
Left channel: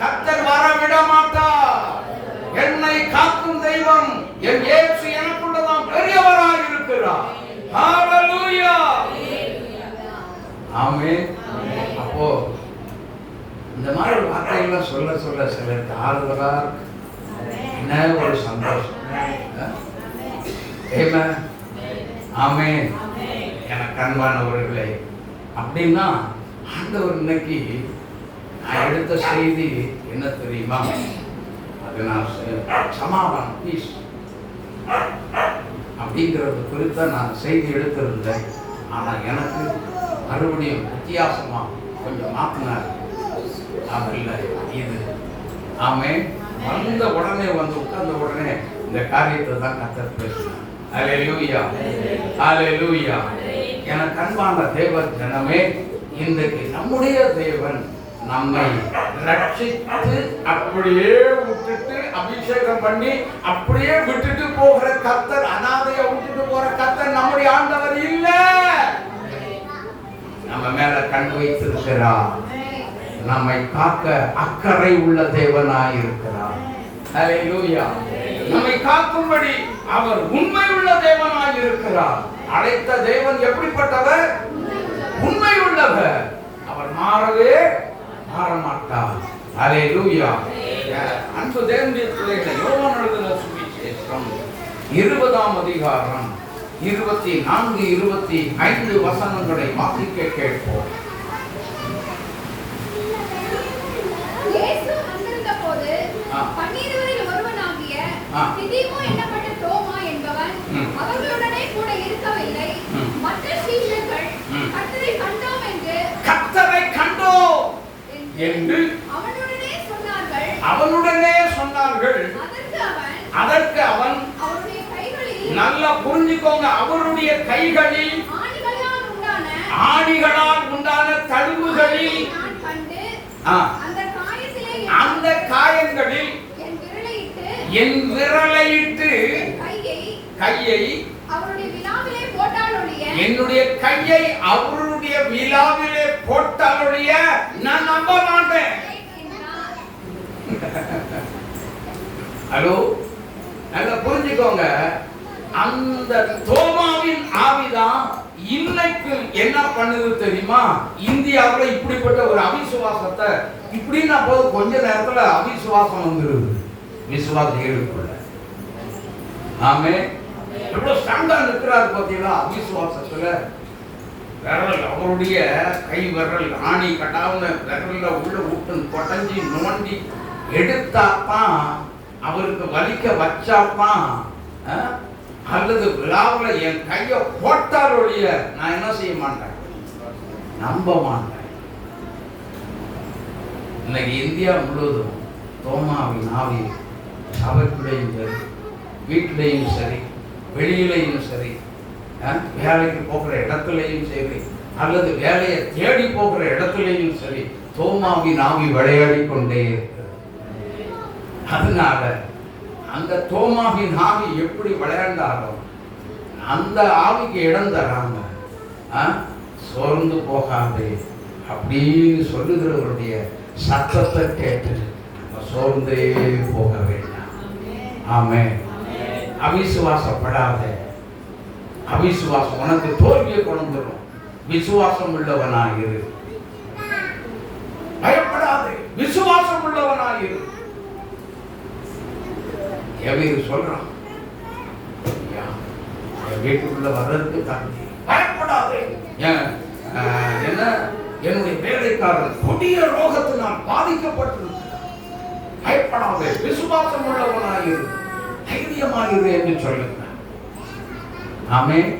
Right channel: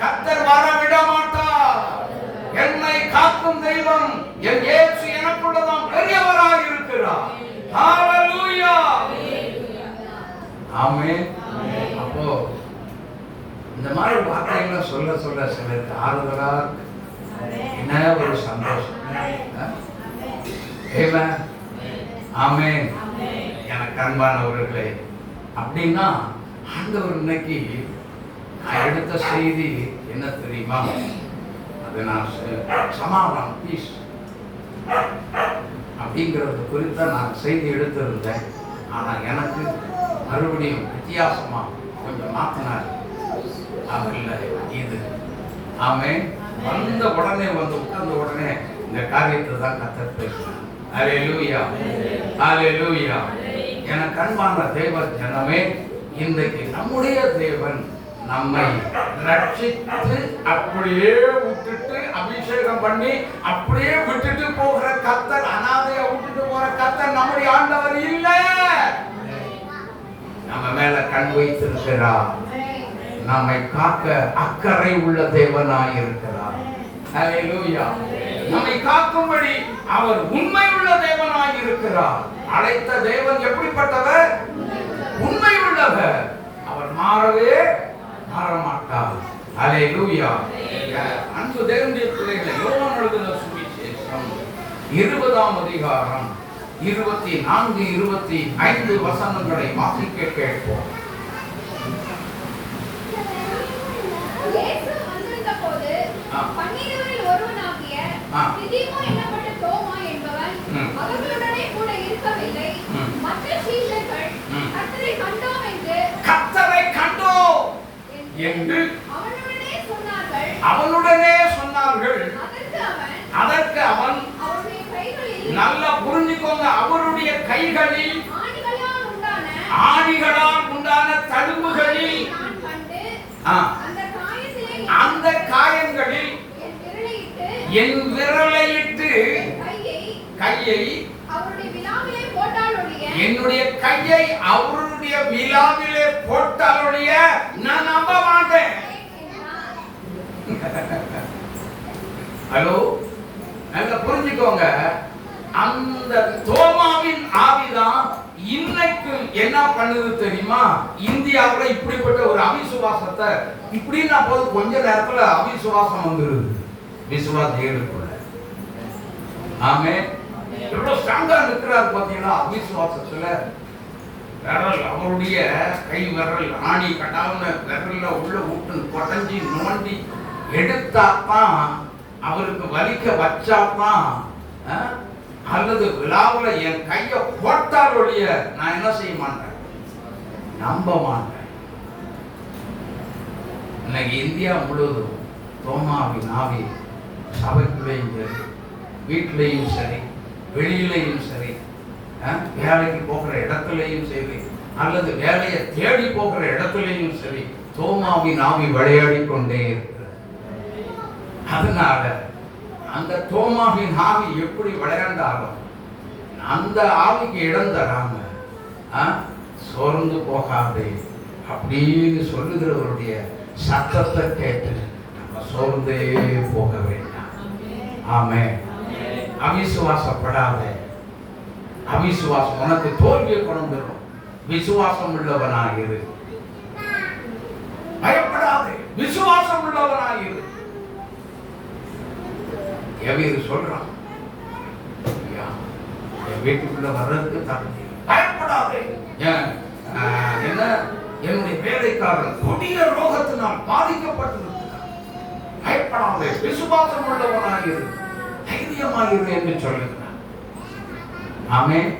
கர்த்தர் வர விட மாட்டா. என்னை காக்கும் தெய்வம் என் இயேசு எனக்குள்ளதான் பெரியவராக இருக்கிறார். ஹalleluya. ஆமென். அப்போ இந்த மாதிரி வார்த்தையெல்லாம் சொல்ல சொல்ல சிலருக்கு ஆறுதலா என்ன ஒரு சந்தோஷம். ஆமென். எனக்கு அன்பானவர்களே, அப்படின்னா ஆண்டவர் இன்னைக்கு நான் எடுத்த செய்தி என்ன தெரியுமா? அது நான் சமாதானம், பீஸ் அப்படிங்கிறது குறித்த நான் செய்தி எடுத்திருந்தேன். ஆனால் எனக்கு மறுபடியும் வித்தியாசமா கொஞ்சம் மாற்றினார். இல்லை இது ஆமென். வந்த உடனே உட்கார்ந்த உடனே இந்த காரியத்தை தான் கர்த்தர் பேசுகிறார். ஹalleluya. ஹalleluya. எனக்கு அன்பான தேவ ஜனமே, இன்றைக்கு நம்முடைய தேவன் நம்மை ரட்சித்து அப்படியே விட்டுட்டு அபிஷேகம் பண்ணி அப்படியே விட்டுட்டு போகிற கர்த்தர், அனாதையை விட்டுட்டு போற கர்த்தர் நம்முடைய ஆண்டவர் இல்ல. நம்ம மேல கண் வைத்திருக்கிறார். நம்மை காக்க அக்கறை உள்ள தேவனாய் இருக்கிறார். ஹalleluya. நம்மை காக்கும்படி அவர் உண்மை உள்ள தேவனாய் இருக்கிறார். அழைத்த தேவன் எப்படிப்பட்டவர்? உண்மை உள்ளவர். அவர் மாறவே மாறமாட்டார். ஹalleluya. அன்பு தேவனுடைய பிள்ளைகளே, யோவான் எழுதின சுவிசேஷம் 20ஆம் அதிகாரம் 24, 25 வசனங்களை வாசிக்க கேட்போம். இயேசு வந்திருந்தபோது 12 ஒருவனாகிய திதிமு என்னப்பட்ட தோமா என்பவன் அவர்களுடனே கூட இருக்கவில்லை. மற்ற சீஷர்கள் கர்த்தரை கண்டோம் என்று அவனுடனே சொன்னார்கள். அதற்கு அவன் நல்ல புரிஞ்சுக்கோங்க, அவருடைய கைகளில் ஆணிகளால் உண்டான தழும்புகளில் அந்த காயங்களில் என் விரலையிட்டு கையை என்னுடைய கையை அவருடைய விழாவிலே போட்டாலுடைய நான் நம்ப மாட்டேன். ஹலோ, நாங்க புரிஞ்சுக்கோங்க, அந்த தோமாவின் ஆவிதான் இன்னைக்கு என்ன பண்ணுது தெரியுமா? இந்தியாவுல இப்படிப்பட்ட ஒரு அவிசுவாசத்தை இப்படின்னா போது கொஞ்ச நேரத்துல அவிசுவாசம் வந்துருது விசுவாசிகளுக்குள்ள. ஆமே, எவ்வளவு ஸ்ட்ராங்கா நிற்கிறாரு பாத்தீங்களா அவிசுவாசத்துல. விரல், அவருடைய கை விரல் ஆணி கட்டாவுன விரல்ல உள்ள விட்டு கொடைஞ்சி நோண்டி எடுத்தாத்தான், அவருக்கு வலிக்க வச்சாத்தான், அல்லது விழாவில் என் கையை போட்டால் ஒழிய நான் என்ன செய்ய மாட்டேன், நம்ப மாட்டேன். இன்னைக்கு இந்தியா முழுவதும் தோமாவின் ஆவி சபைக்குள்ளேயும் சரி, வீட்டிலையும் சரி, வெளியிலையும் சரி, வேலைக்கு போகிற இடத்துலையும் சரி, அல்லது வேலையை தேடி போகிற இடத்துலையும் சரி, தோமாவின் ஆவி விளையாடி கொண்டே இருக்கிறது. அதனால அந்த தோமாவின் ஆவி எப்படி விளையாண்டாலும் அந்த ஆவிக்கு இடம் தராம சோர்ந்து போகாதே அப்படின்னு சொல்லுகிறவருடைய சத்தத்தை கேட்டு நம்ம சோர்ந்தே போக வேண்டாம். ஆமென். அவிசுவாசப்படாத. அவிசுவாசம் உனக்கு தோல்வியை கொண்டு வரும். விசுவாசம் உள்ளவனாயிரு. பயப்படாதே, விசுவாசம் உள்ளவனாயிரு. எவரு சொல்றான், என் வீட்டுக்குள்ள வர்றதுக்கு தகுதி, பயப்படாதே. என்ன, என்னுடைய வேலைக்காரன் கொடிய ரோகத்தினால் பாதிக்கப்பட்டிருக்கிறார், பயப்படாதே, விசுவாசம் உள்ளவனாயிரு, தைரியமாயிரு என்று சொல்லுங்க. ஆமென்.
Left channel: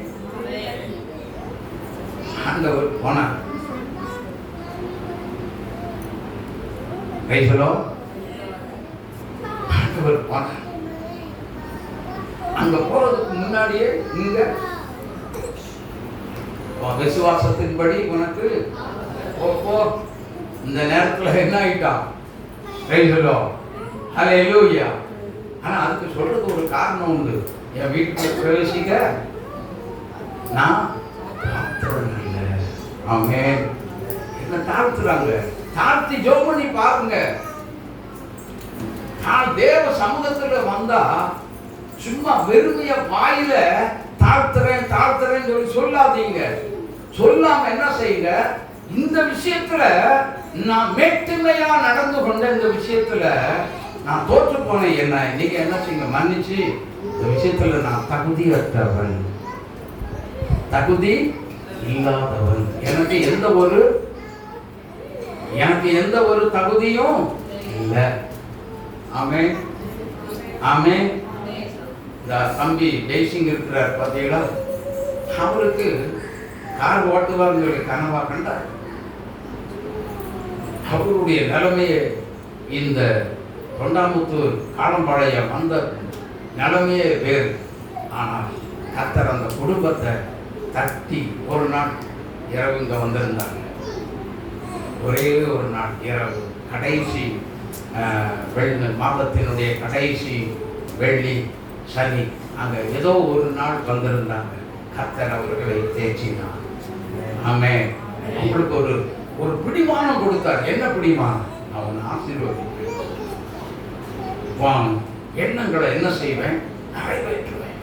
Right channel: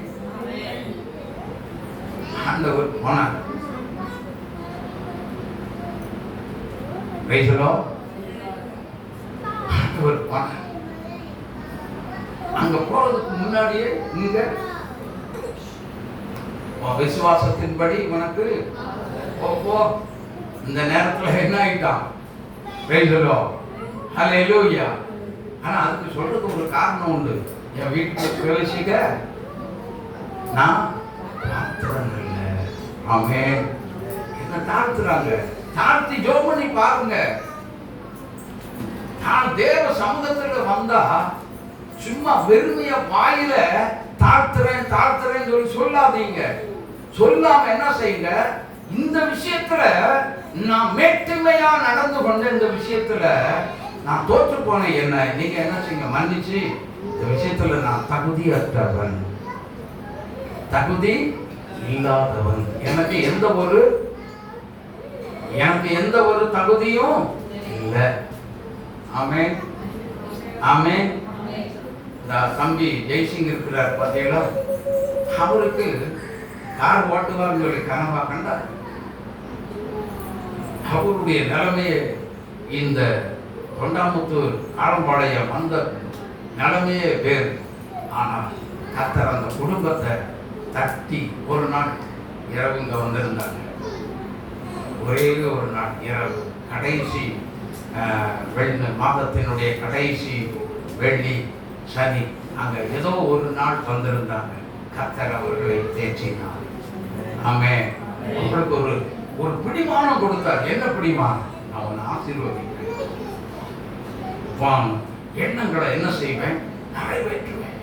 ஆண்டவர் போனார். ஆண்டவர் போனார். அங்க போறதுக்கு முன்னாடியே இங்க விசுவாசத்தின்படி உனக்கு இந்த நேரத்துல என்ன ஆயிட்டான். ஹல்லேலூயா. ஆனா அதுக்கு சொல்றது ஒரு காரணம் உண்டு. என் வீட்டுக்கு பிரவேசிக்க நான் இல்லை. ஆமென். என்ன தாழ்த்துறாங்க, தாழ்த்தி ஜெபம் பண்ணி பாருங்க. நான் தேவ சமூகத்துல வந்தா சும்மா வெறுமைய வாயில தாழ்த்துறேன் தாழ்த்துறேன்னு சொல்லி சொல்லாதீங்க. சொல்லாம என்ன செய்யுங்க, இந்த விஷயத்துல நான் மேட்டுமையா நடந்து கொண்ட இந்த விஷயத்துல நான் தோற்று போனேன், என்ன நீங்க என்ன செய்யுங்க, மன்னிச்சு இந்த விஷயத்துல நான் தகுதியற்றவன், தகுதி இல்லாதவன், எனக்கு எந்த ஒரு தகுதியும் இல்லை. ஆமென். ஆமென். தம்பி ஜெய்சிங் இருக்கிறார் பார்த்தீங்களா, அவருக்கு கார் ஓட்டுவார்னு சொல்லி கனவா கண்டார். அவருடைய நிலைமையை இந்த தொண்டாமுத்தூர் காலம்பாளையம் அந்த நிலைமையே வேறு. ஆனால் கர்த்தர் அந்த குடும்பத்தை தட்டி ஒரு நாள் இரவு இங்கே வந்திருந்தாங்க. ஒரே ஒரு நாள் இரவு, கடைசி மாதத்தினுடைய கடைசி வெள்ளி சனி, அங்கே ஏதோ ஒரு நாள் வந்திருந்தாங்க. கர்த்தர் அவர்களை தேற்றினார். ஆமென். உங்களுக்கு ஒரு பிடிமானம் கொடுத்தார். என்ன பிடிமானம்? அவன் ஆசீர்வதிப்பேன், எண்ணங்களை என்ன செய்வேன், நிறைவேற்றுவேன்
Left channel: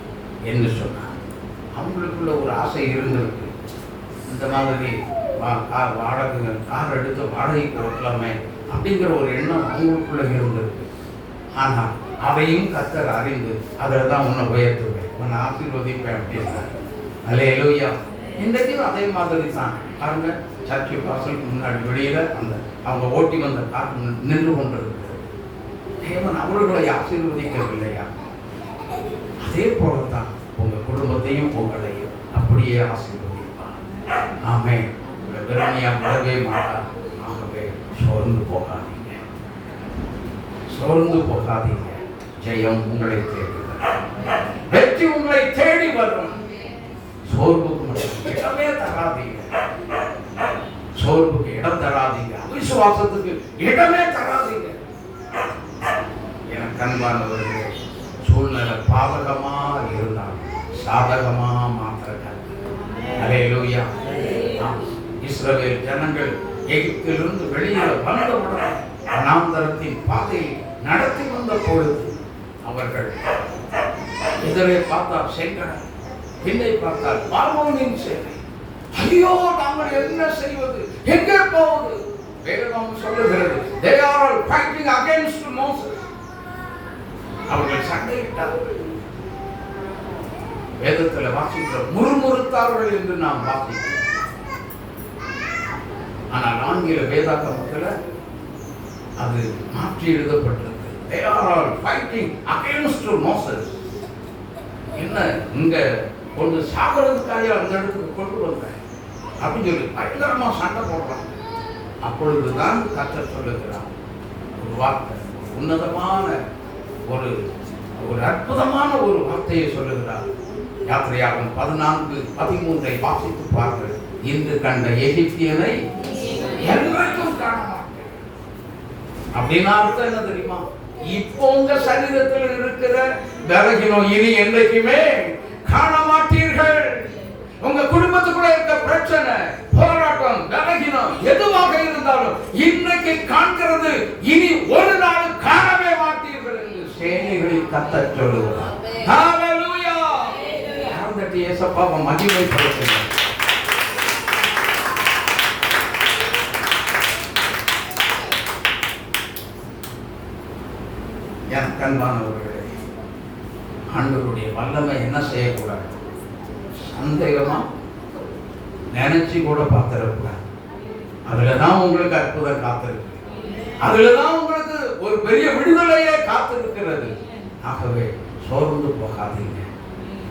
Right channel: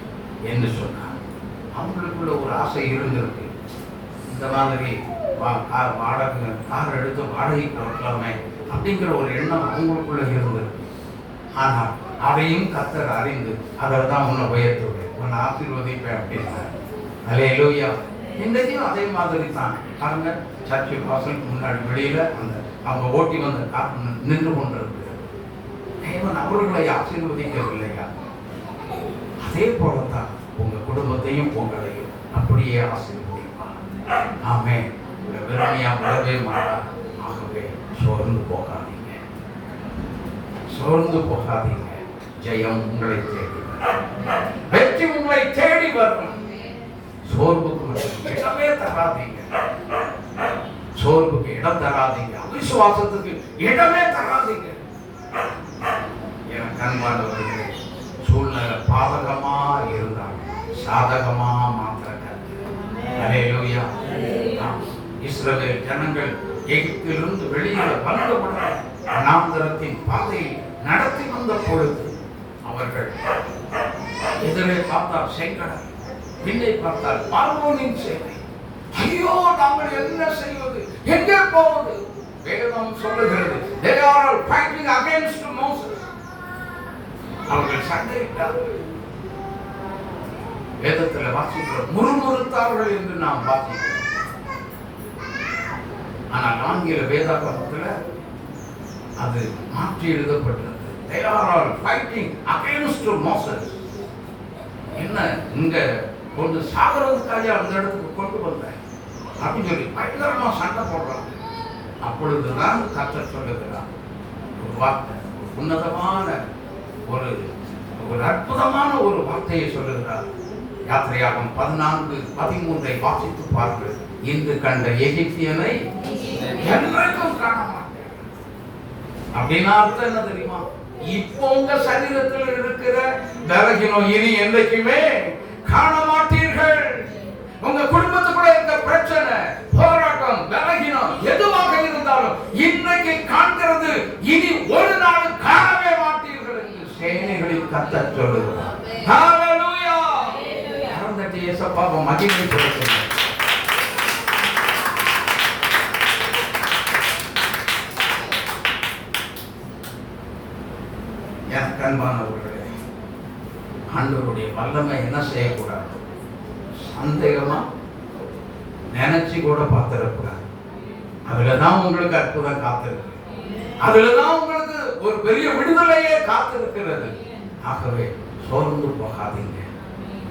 என்று சொன்னார். அவங்களுக்குள்ள ஒரு ஆசை இருந்திருக்கு. இந்த மாதிரி வாடகை கார் எடுத்து வாடகைக்கு ஓட்டலாமே அப்படிங்கிற ஒரு எண்ணம் அவங்களுக்குள்ள இருந்திருக்கு. ஆனால் அதையும் கர்த்தர் அறிந்து அதில் தான் உன்னை உயர்த்துவேன், உன்னை ஆசீர்வதிப்பேன் அப்படின்னார். அல்லேலூயா. இன்றைக்கும் அதே மாதிரி தான் பாருங்க, சர்ச்சை வாசலுக்கு முன்னாடி வெளியில அவங்க ஓட்டி வந்த கார் நின்று கொண்டிருக்கு. தேவன் அவர்களை ஆசீர்வதிக்கவில்லையா? அதே போலதான் உங்க குடும்பத்தையும் உங்களையும் அப்படியே ஆசீர்வதிப்பார். ஆமென். வெறுமையா விடவே மாட்டார். ஆகவே சோர்ந்து போகாதீங்க, சோர்ந்து போகாதீங்க. ஜெயம் உங்களை தேடி வரும், வெற்றி உங்களை தேடி வரும். சோர்வுக்கு மட்டும் இடமே தராதீங்க. சோர்வுக்கு இடம் தராதீங்க. அவிசுவாசத்துக்கு இடமே தராதீங்க. எனக்கு அன்பானவர்களே, சூழ்நிலை பாதகமா இருந்தால் சாதகமா மாற்ற கர்த்தர். அல்லேலூயா. இஸ்ரவேல் ஜனங்கள் எகிப்திலிருந்து வெளியே வந்தவுடன் வனாந்தரத்தின் பாதையை நடத்தி வந்த பொழுது அவர்கள் எதிரே பார்த்தால் செங்கடல், பின்னை பார்த்தால் பார்வோனின் சேனை. ஐயோ, நாங்கள் என்ன செய்வது, எங்கே போவது? வேதம் சொல்லுகிறது, they are fighting against Moses. அவர்கள் சண்டையிட்டார்கள். வேதத்தில் வாசிக்கிறோம், முறுமுறுத்தார்கள் என்று நாம் வாசிக்கிறோம். ஆனால் ஆங்கில வேதாகமத்தில் அது மாற்றி எழுதப்பட்டது. They are fighting against Moses. என்ன இங்க கொண்டு சாகிறதுக்காக அந்த இடத்துக்கு கொண்டு வந்தேன் அப்படின்னு சொல்லி பயங்கரமா சண்டை போடுறாங்க. அப்பொழுதுதான் கர்த்தர் சொல்லுகிறார் ஒரு வார்த்தை, உன்னதமான ஒரு அற்புதமான ஒரு வார்த்தையை சொல்லுகிறார். யாத்திரையாகமம் 14:13 வாசித்து பாருங்கள். இன்று கண்ட எகிப்தியனை என்றைக்கும் காண மாட்டேன். அப்படின்னா அர்த்தம் என்ன தெரியுமா? இப்போ உங்க சரீரத்தில் இருக்கிற பலகீனம் இனி என்றைக்குமே காண மாட்டீர்கள். உங்க குடும்பத்துக்குள்ள இருக்க பிரச்சனை, போராட்டம், பலகீனம் எதுவாக இருந்தாலும் இன்றைக்கு காண்கிறது இனி ஒரு நாள் காணவே மாட்டீர்கள் என்று சேனைகளின் கர்த்தர் சொல்லுகிறார். ஹalleluya. யாரந்தட்டி இயேசுவை மகிமைப்படுத்துங்க. என் கண்பானவர்களே, ஆண்டவருடைய வல்லமை என்ன செய்யக்கூடாது? சந்தேகமா நினைச்சு கூட பார்த்திடக்கூடாது. அதுலதான் உங்களுக்கு அற்புதம் காத்திருக்கு. அதுலதான் உங்களுக்கு ஒரு பெரிய விடுதலையே காத்திருக்கிறது. ஆகவே சோர்ந்து போகாதீங்க.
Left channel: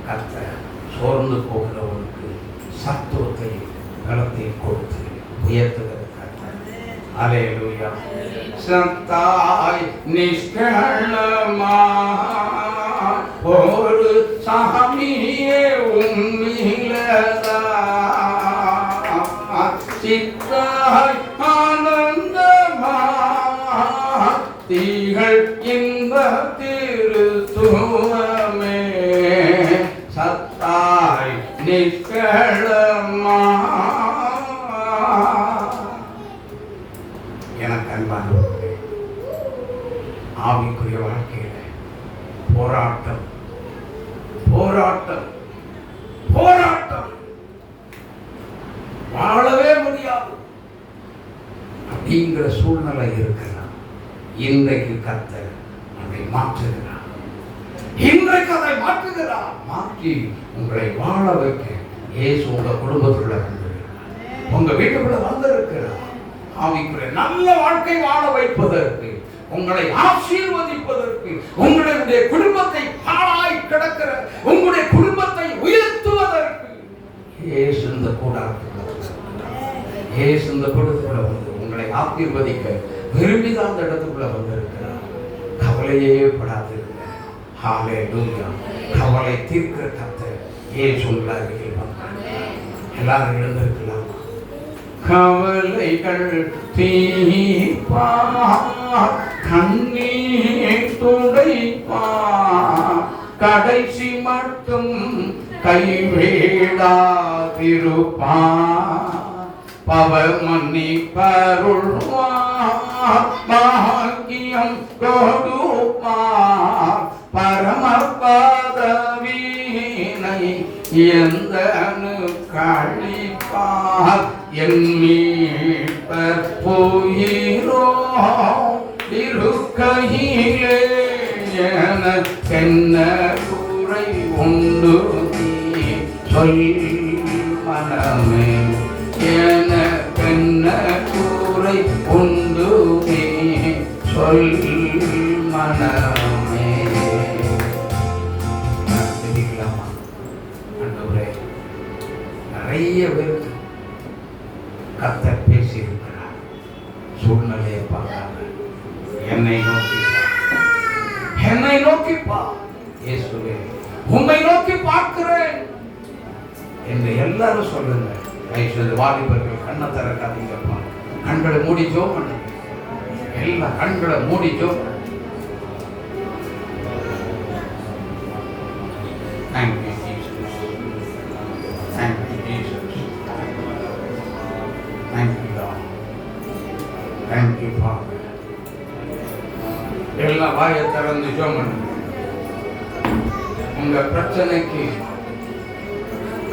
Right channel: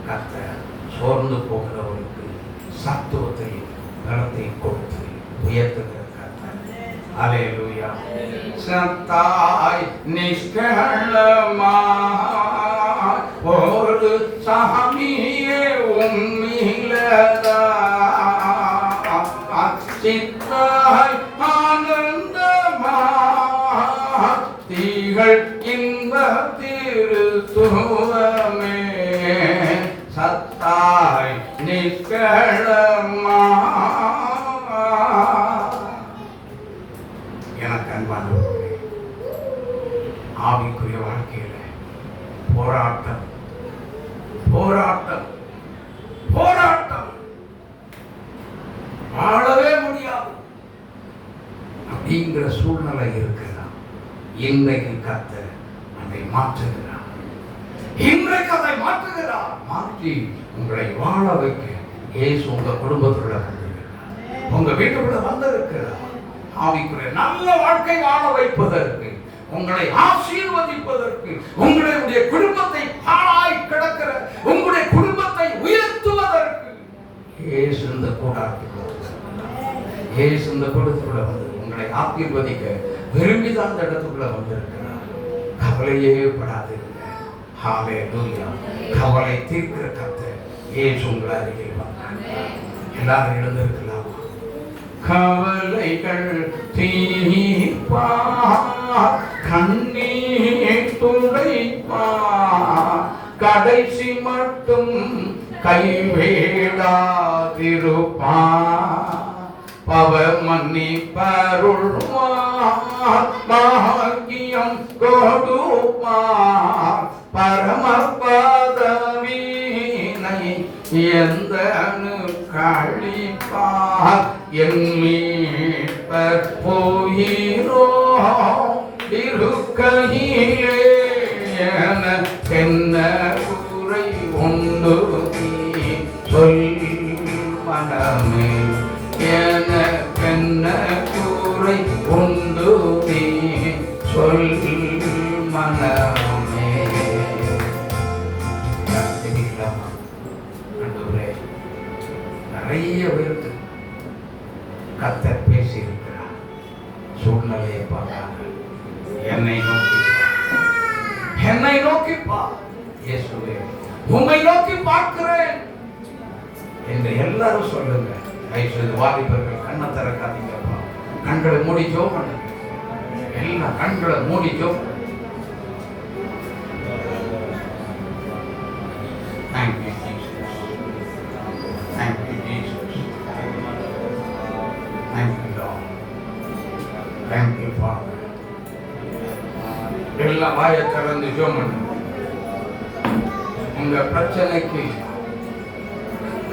கர்த்தர் சோர்ந்து போகிறவனுக்கு சத்துவத்தை பலத்தை கொடுத்து உயர்த்துகிற கர்த்தர். அல்லேலூயா. சத்தாய் நிஷ்களமா ஒரு சாமியே உம்மிலதா சித்தாய் ஆனந்தமா தீகள் இந்த திருத்துவமே சத்தாய் நிஷ்களமா. எனக்கு அன்பானவர்களே, ஆவிக்குரிய வாழ்க்கையில போராட்டம் போராட்டம் போராட்டம் வாழவே முடியாது அப்படிங்கிற சூழ்நிலை இருக்கலாம். இன்றைக்கு கர்த்தர் அதை மாற்றுகிறார். இன்றைக்கு அதை மாற்றுகிறார். மாற்றி உங்களை வாழ வைக்க இயேசு உங்க குடும்பத்துக்குள்ள வந்திருக்கிறார். உங்க வீட்டுக்குள்ள வந்திருக்கிறார். ஆவிக்குரிய நல்ல வாழ்க்கை வாழ வைப்பதற்கு, உங்களை ஆசீர்வதிப்பதற்கு, உங்களுடைய குடும்பத்தை பாழாய் கிடக்கிற உங்களுடைய குடும்பத்தை உயர்த்துவதற்கு இயேசு இந்த கூடாரத்துக்குள்ள இயேசு இந்த கூடத்துக்குள்ள வந்து உங்களை ஆசீர்வதிக்க விரும்பிதான் அந்த இடத்துக்குள்ள வந்திருக்கிறார். கவலையே படாதிருங்க. ஹalleluya. கவலை தீர்க்கிற கர்த்தர் இயேசு உங்கள் அருகில் வந்தார். எல்லாரும் எழுந்திருக்கலாம். கவலைகள் தீர்ப்பார், கண்ணீர் துடைப்பார், கடைசி மட்டும் கைவிடாதிருப்பார், பவ மன்னிப்பருள்வார், பாக்கியம் கொடுப்பார், பரம பதவியினை எந்த கழிப்பார், என் மீட்பர் போயிரோ இருக்கையிலே எனக்கென்ன குறை உண்டு நீ சொல் மனமே, எனக்கென்ன குறை உண்டு நீ சொல் மனமே. தெரிவிக்கலாமா? ஆண்டவரே, நிறைய பேருக்கு கர்த்தர் பேசி இருக்கிறார். சூழ்நிலையை பார்க்காம என்னை நோக்கி பா. இயேசுவே, உம்மை நோக்கி பார்க்கிறேன். என்று எல்லாரும் சொல்லுங்க. தயவுசெய்து வாலிபர்கள் கண்ணை திறக்காதீங்கப்பா. கண்களை மூடி ஜெபம் பண்ணுங்க. எல்லாம் கண்களை மூடி ஜெபம். Thank you, Jesus. Thank you, Jesus. Thank you, Lord. Thank you, Father. எல்லாம் வாயை திறந்து ஜெபம் பண்ணுங்க. உங்க பிரச்சனைக்கு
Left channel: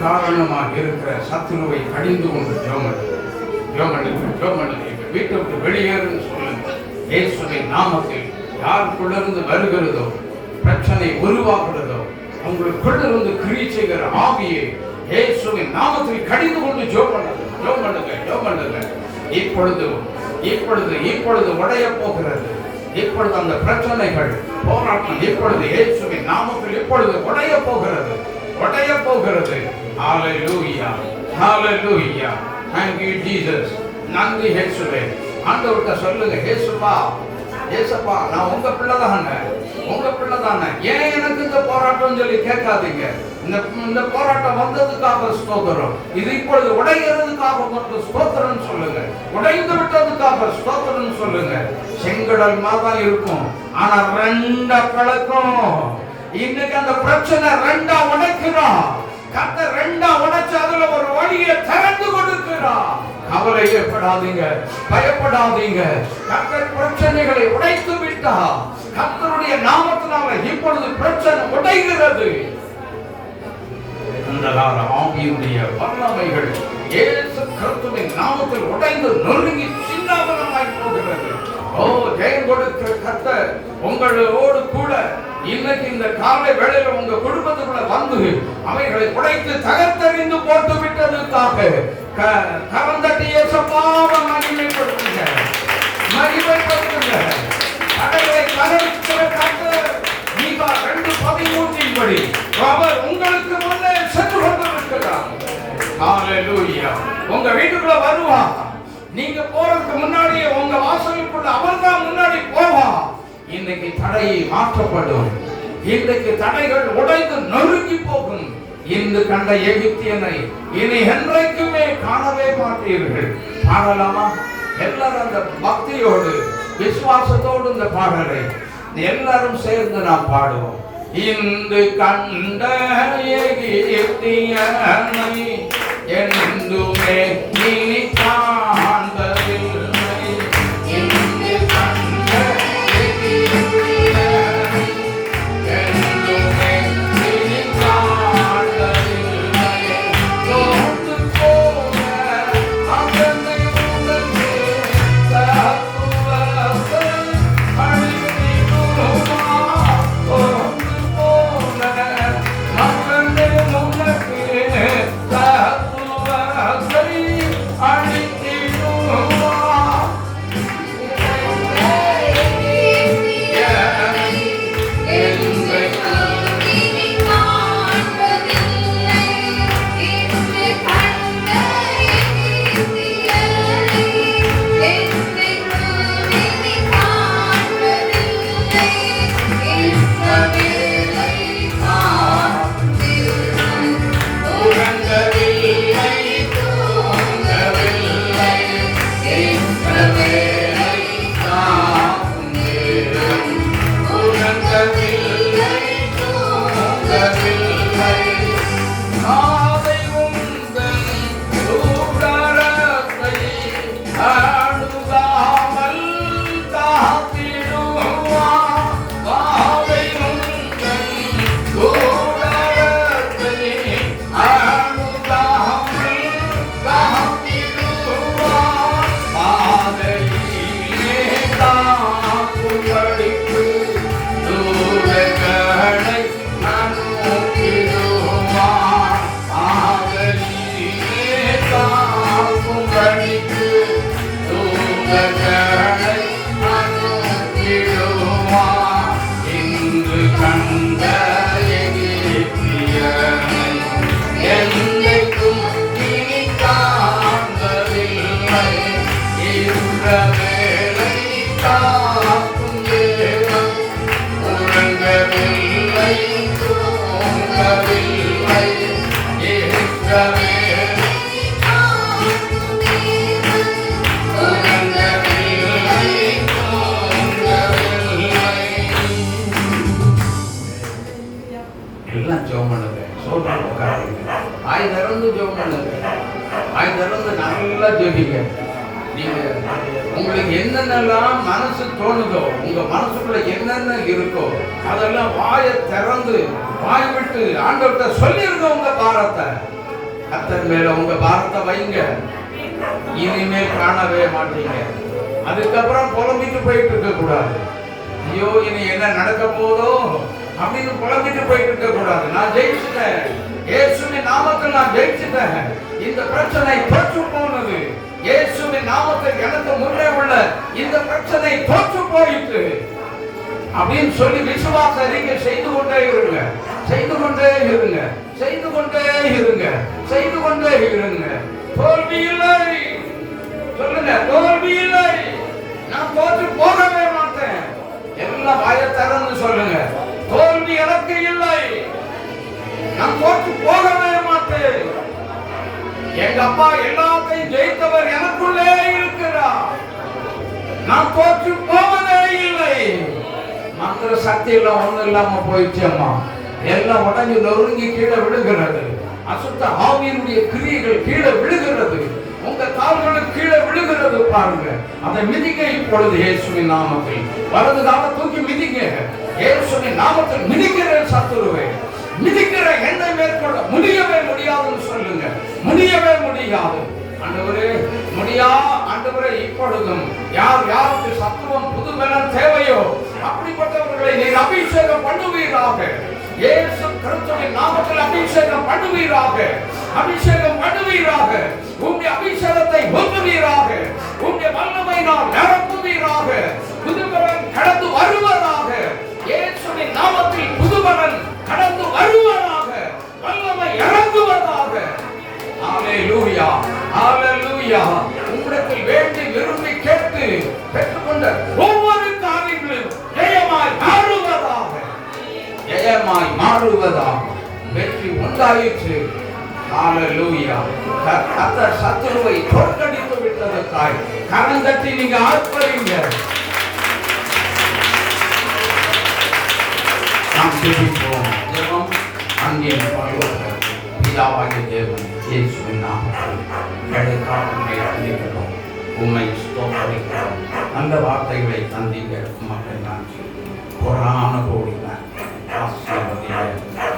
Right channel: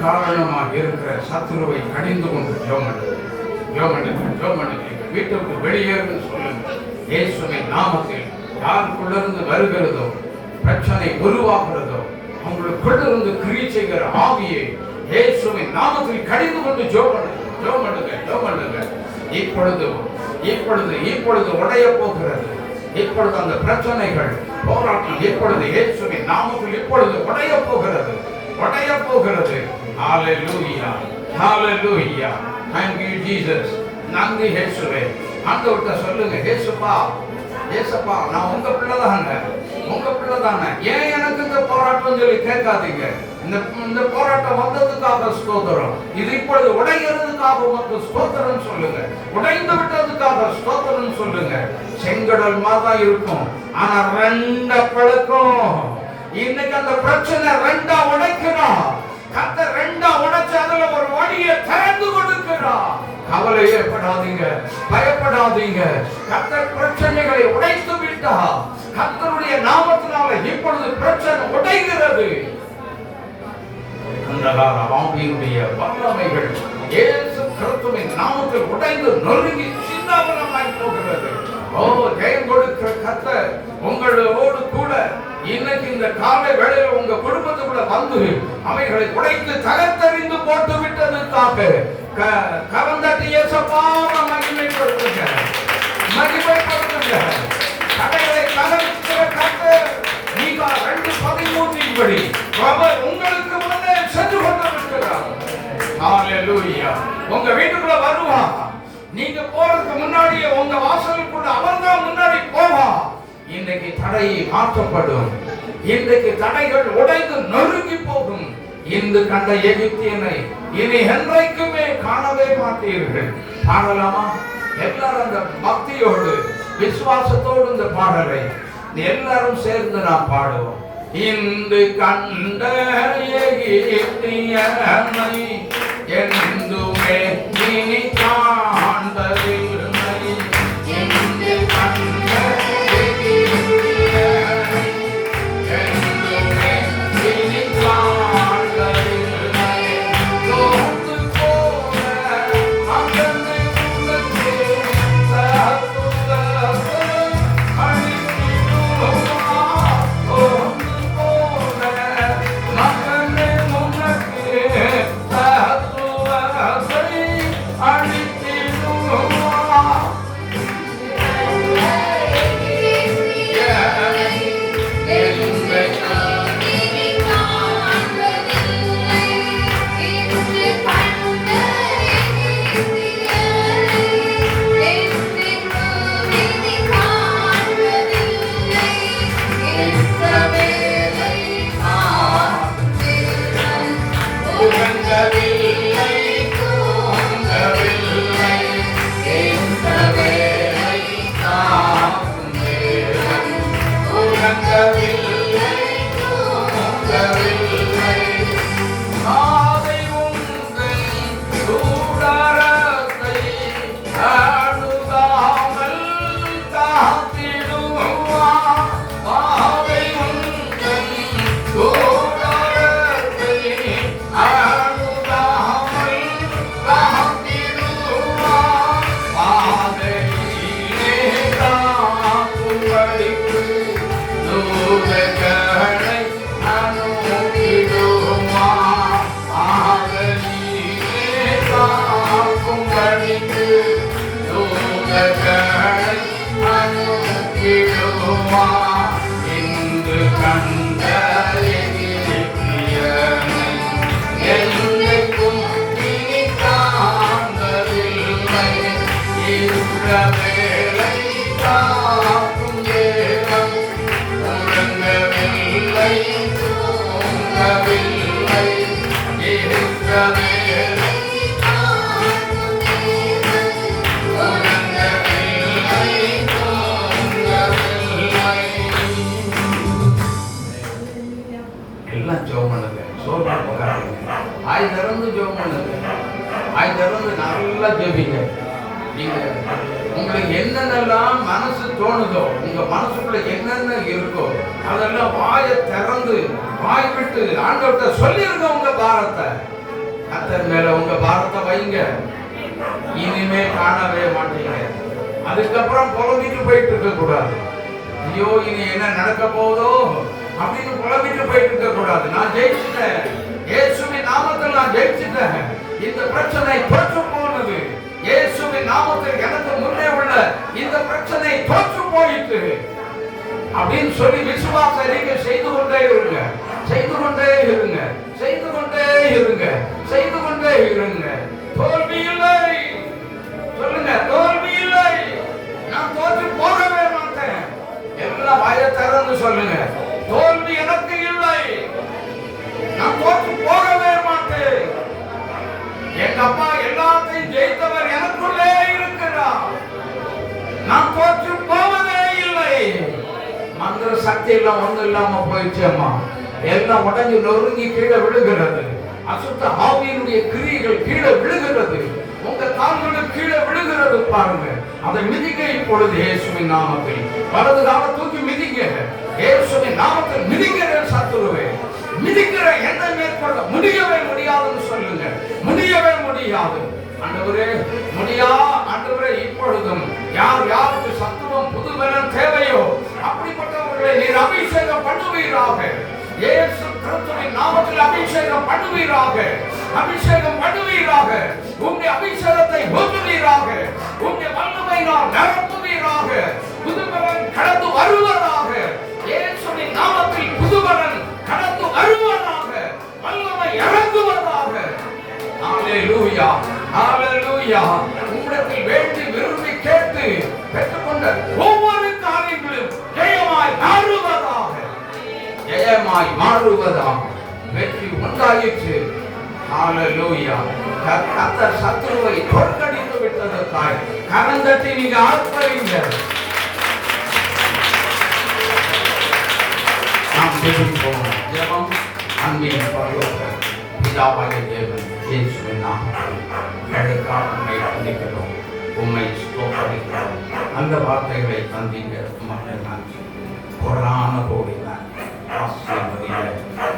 காரணமாக இருக்கிற சத்துருவை கடிந்து கொண்டு ஜெபம் பண்ணுங்க. வீட்டை விட்டு வெளியேறுன்னு சொல்லுங்க. இயேசுவின் நாமத்தில் யாருக்குள்ளிருந்து வருகிறதோ, பிரச்சனை உருவாக்குறதோ, உங்களுக்குள்ளிருந்து கிரியை செய்கிற ஆவியை இயேசுவின் நாமத்தில் கடிந்து கொண்டு ஜெபம் பண்ணுங்க. இப்பொழுது உடைய போகிறது. இப்பொழுது அந்த பிரச்சனைகள் போராட்டம் இப்பொழுது இயேசுவின் நாமத்தில் இப்பொழுது உடைய போகிறது. ஹalleluya, hallelujah. Thank you, Jesus. நன்றி இயேசுவே. ஆண்டவர்ட்ட சொல்லுங்க, இயேசுப்பா நான் உங்க பிள்ளை தானே. ஏன் எனக்கு இந்த போராட்டம் சொல்லி கேட்காதீங்க. இந்த போராட்டம் வந்ததுக்காக ஸ்தோத்திரம். இது இப்பொழுது உடைகிறதுக்காக மட்டும் ஸ்தோத்திரம் சொல்லுங்க. உடைந்து விட்டதுக்காக ஸ்தோத்திரம் சொல்லுங்க. செங்கடல் மாதிரி இருக்கும், ஆனா ரெண்டா பழக்கம். இன்னைக்கு அந்த பிரச்சனை ரெண்டா உடைக்கிறான். கர்த்தர் ரெண்டா உடைச்சு அதுல ஒரு வழியை திறந்து கொடுக்கிறார். கவலையே படாதீங்க, பயப்படாதீங்க. கர்த்தர் பிரச்சனைகளை உடைத்து விட்டார். கர்த்தருடைய நாமத்தினால இப்பொழுது பிரச்சனை உடைகிறது. அந்த கால ஆவியுடைய வல்லமைகள் இயேசு கிறிஸ்துவின் நாமத்தில் உடைந்து நொறுங்கி சின்னாபனமாய் போகிறது. ஜெயம் கொடுக்கிற கர்த்தர் உங்களோடு கூட இன்னைக்கு இந்த காலை வேளையில உங்க குடும்பத்துக்குள்ள வந்து அவைகளை உடைத்து தகர்த்தெறிந்து போட்டு விட்டதுக்காக கரந்தட்டி இயேசுவாவை மகிமைப்படுத்துங்க. தடைகளை தகர்க்கிற கர்த்தர் நீங்க 2:13 படி அவர் உங்களுக்கு முன்னே சென்று கொண்டிருக்கிறார். ஹalleluya. உங்க வீட்டுக்குள்ள வருவா. நீங்க போறதுக்கு முன்னாடியே உங்க வாசலுக்குள்ள அவர்தான் முன்னாடி போவா. இன்னைக்கு தடை மாற்றப்படும். இன்றைக்கு தடைகள் உடைந்து நொறுங்கி போகும். இன்று கண்ட எகிப்தியனை இனி என்றைக்குமே காணவே மாட்டீர்கள். பாடலாமா? எல்லாரும் அந்த பக்தியோடு விசுவாசத்தோடு இந்த பாடலை எல்லாரும் சேர்ந்து நாம் பாடுவோம். இன்று கண்ட எகிப்தியனை என்றுமே இனி காண்பதில்லை. இன்று கண்ட எகிப்தியனை என்றுமே இனி காண்பதில்லை. தோற்று போன அதனை உனக்கு தத்துவத்தை அழித்திடுவார். தோற்று போன அதனை உனக்கு தத்துவத்தை அழித்திடுவார். எல்லாம் ஜெபம் பண்ணுங்க. சோர்வு உட்காருங்க. ஆய் திறந்து ஜெபம் பண்ணுங்க. ஆய் திறந்து நல்லா ஜெபிங்க. நீங்க உங்களுக்கு என்னென்னலாம் மனசு தோணுதோ, உங்க மனசுக்குள்ள என்னென்ன இருக்கோ அதெல்லாம் வாயை திறந்து வாய் விட்டு ஆண்டவர்கிட்ட சொல்லிருங்க. உங்க பாரத்தை கர்த்தர் மேல உங்க பாரத்தை வைங்க. இனிமேல் காணவே மாட்டீங்க. அதுக்கப்புறம் புலம்பிட்டு போயிட்டு இருக்க கூடாது. ஐயோ இனி என்ன நடக்க போதோ அப்படின்னு புலம்பிட்டு போயிட்டு இருக்க கூடாது. நான் ஜெயிச்சிட்டேன், இயேசுவின் நாமத்தில் நான் ஜெயிச்சிட்டேன், இந்த பிரச்சனை தோற்று போனது, இயேசுவின் நாமத்தில் எனக்கு முன்னே உள்ள இந்த பிரச்சனை தோற்று போயிட்டு அப்படின்னு சொல்லி விசுவாச அறிக்கை செய்து கொண்டே இருங்க. செய்து கொண்டே இருங்க. செய்து கொண்டே இருங்க. செய்து கொண்டே இருங்க. தோல்வி இல்லை. சொல்லுங்க, தோல்வி இல்லை. நான் தோற்று போகவே மாட்டேன். எல்லாம் வாயை திறந்து சொல்லுங்க, தோல்வி எனக்கு இல்லை. நான் தோற்று போகவே மாட்டேன். எங்க அப்பா எல்லாத்தையும் ஜெயித்தவர் எனக்குள்ளே இருக்கிறார். நான் தோற்று போவதே இல்லை. மந்திர சக்தி எல்லாம் ஒண்ணு இல்லாம போயிடுச்சு அம்மா. எல்லாம் உடஞ்சி நொறுங்கி கீழே விழுகிறது. அசுத்த ஆவியினுடைய கிரியைகள் கீழே விழுகிறது. உங்க கால்களுக்கு கீழே விழுகிறது பாருங்க. அதை மிதிங்க இப்பொழுது இயேசுவின் நாமத்தில். வலது காலை தூக்கி மிதிங்க. இயேசுவின் நாமத்தில் மிதிக்கிற சத்துருவே, மிதிக்கிற எண்ணம் மேற்கொள்ள முடியவே முடியாதுன்னு சொல்லுங்க. முடியவே முடியாது ஆண்டவரே, முடியா ஆண்டவரே. இப்பொழுதும் யார் யாருக்கு சத்துவம் புதுபலன் தேவையோ அப்படிப்பட்டவர்களை நீர் அபிஷேகம் பண்ணுவீராக. இயேசு கிறிஸ்துவின் நாமத்தில் அபிஷேகம் பண்ணுவீராக. அபிஷேகம் பண்ணுவீராக. உம்முடைய அபிஷேகத்தை ஊற்றுவீராக. உம்முடைய வல்லமையினால் நிரப்புவீராக. புதுபலன் கடந்து வருவதாக. இயேசுவின் நாமத்தில் புதுபலன் கடந்து வருவதாக. வல்லமை இறங்குவதாக. ஹalleluya, ஹalleluya. உம்மிடத்தில் வேண்டி விரும்பி கேட்டு பெற்றுக்கொண்ட ஒவ்வொரு காரியங்களும் ஜெயமாய் மாறுவதாக. ஜெயமாய் மாறுவதாக. வெற்றி உண்டாயிற்று. ஹalleluya. கர்த்தர் சத்துருவை தோற்கடித்து விட்டதற்காய் கரந்தட்டி நீங்க ஆர்ப்பரிங்க. நாம் ஜெபிப்போம். ஜெபம் அன்பின் பரலோக பிதாவாகிய தேவன் இயேசுவின் நாமத்தில் எனக்காக உம்மை வந்திக்கிறோம். உம்மை ஸ்தோத்திரிக்கிறோம். நல்ல வார்த்தைகளை தந்தீங்க. உமக்கு நன்றி. கொரான கோடி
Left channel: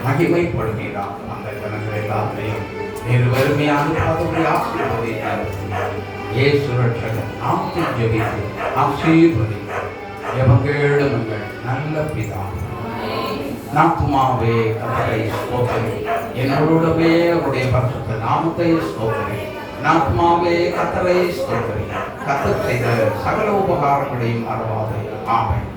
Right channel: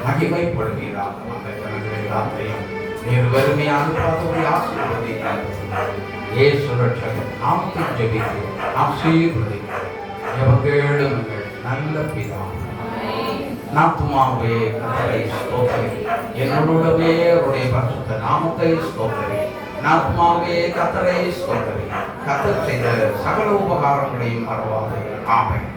மகிமைப்படுகிறார். அந்த கணக்கு எல்லாத்தையும் நீர் வெறுமையான பாதத்தை ஆசீர்வதித்தார். இயேசு ரட்சகர் நாமத்தில் ஜெபித்து ஆசீர்வதித்தார். ஜெபங்கேளுங்கள் நல்ல பிதா. நாத்துமாவே கர்த்தரை ஸ்தோத்திரி. என்னோடவே அவருடைய பரிசுத்த நாமத்தை ஸ்தோத்திரி. நாத்துமாவே கர்த்தரை ஸ்தோத்திரி. கர்த்தர் செய்த சகல உபகாரங்களையும் மறவாதே. ஆமென்.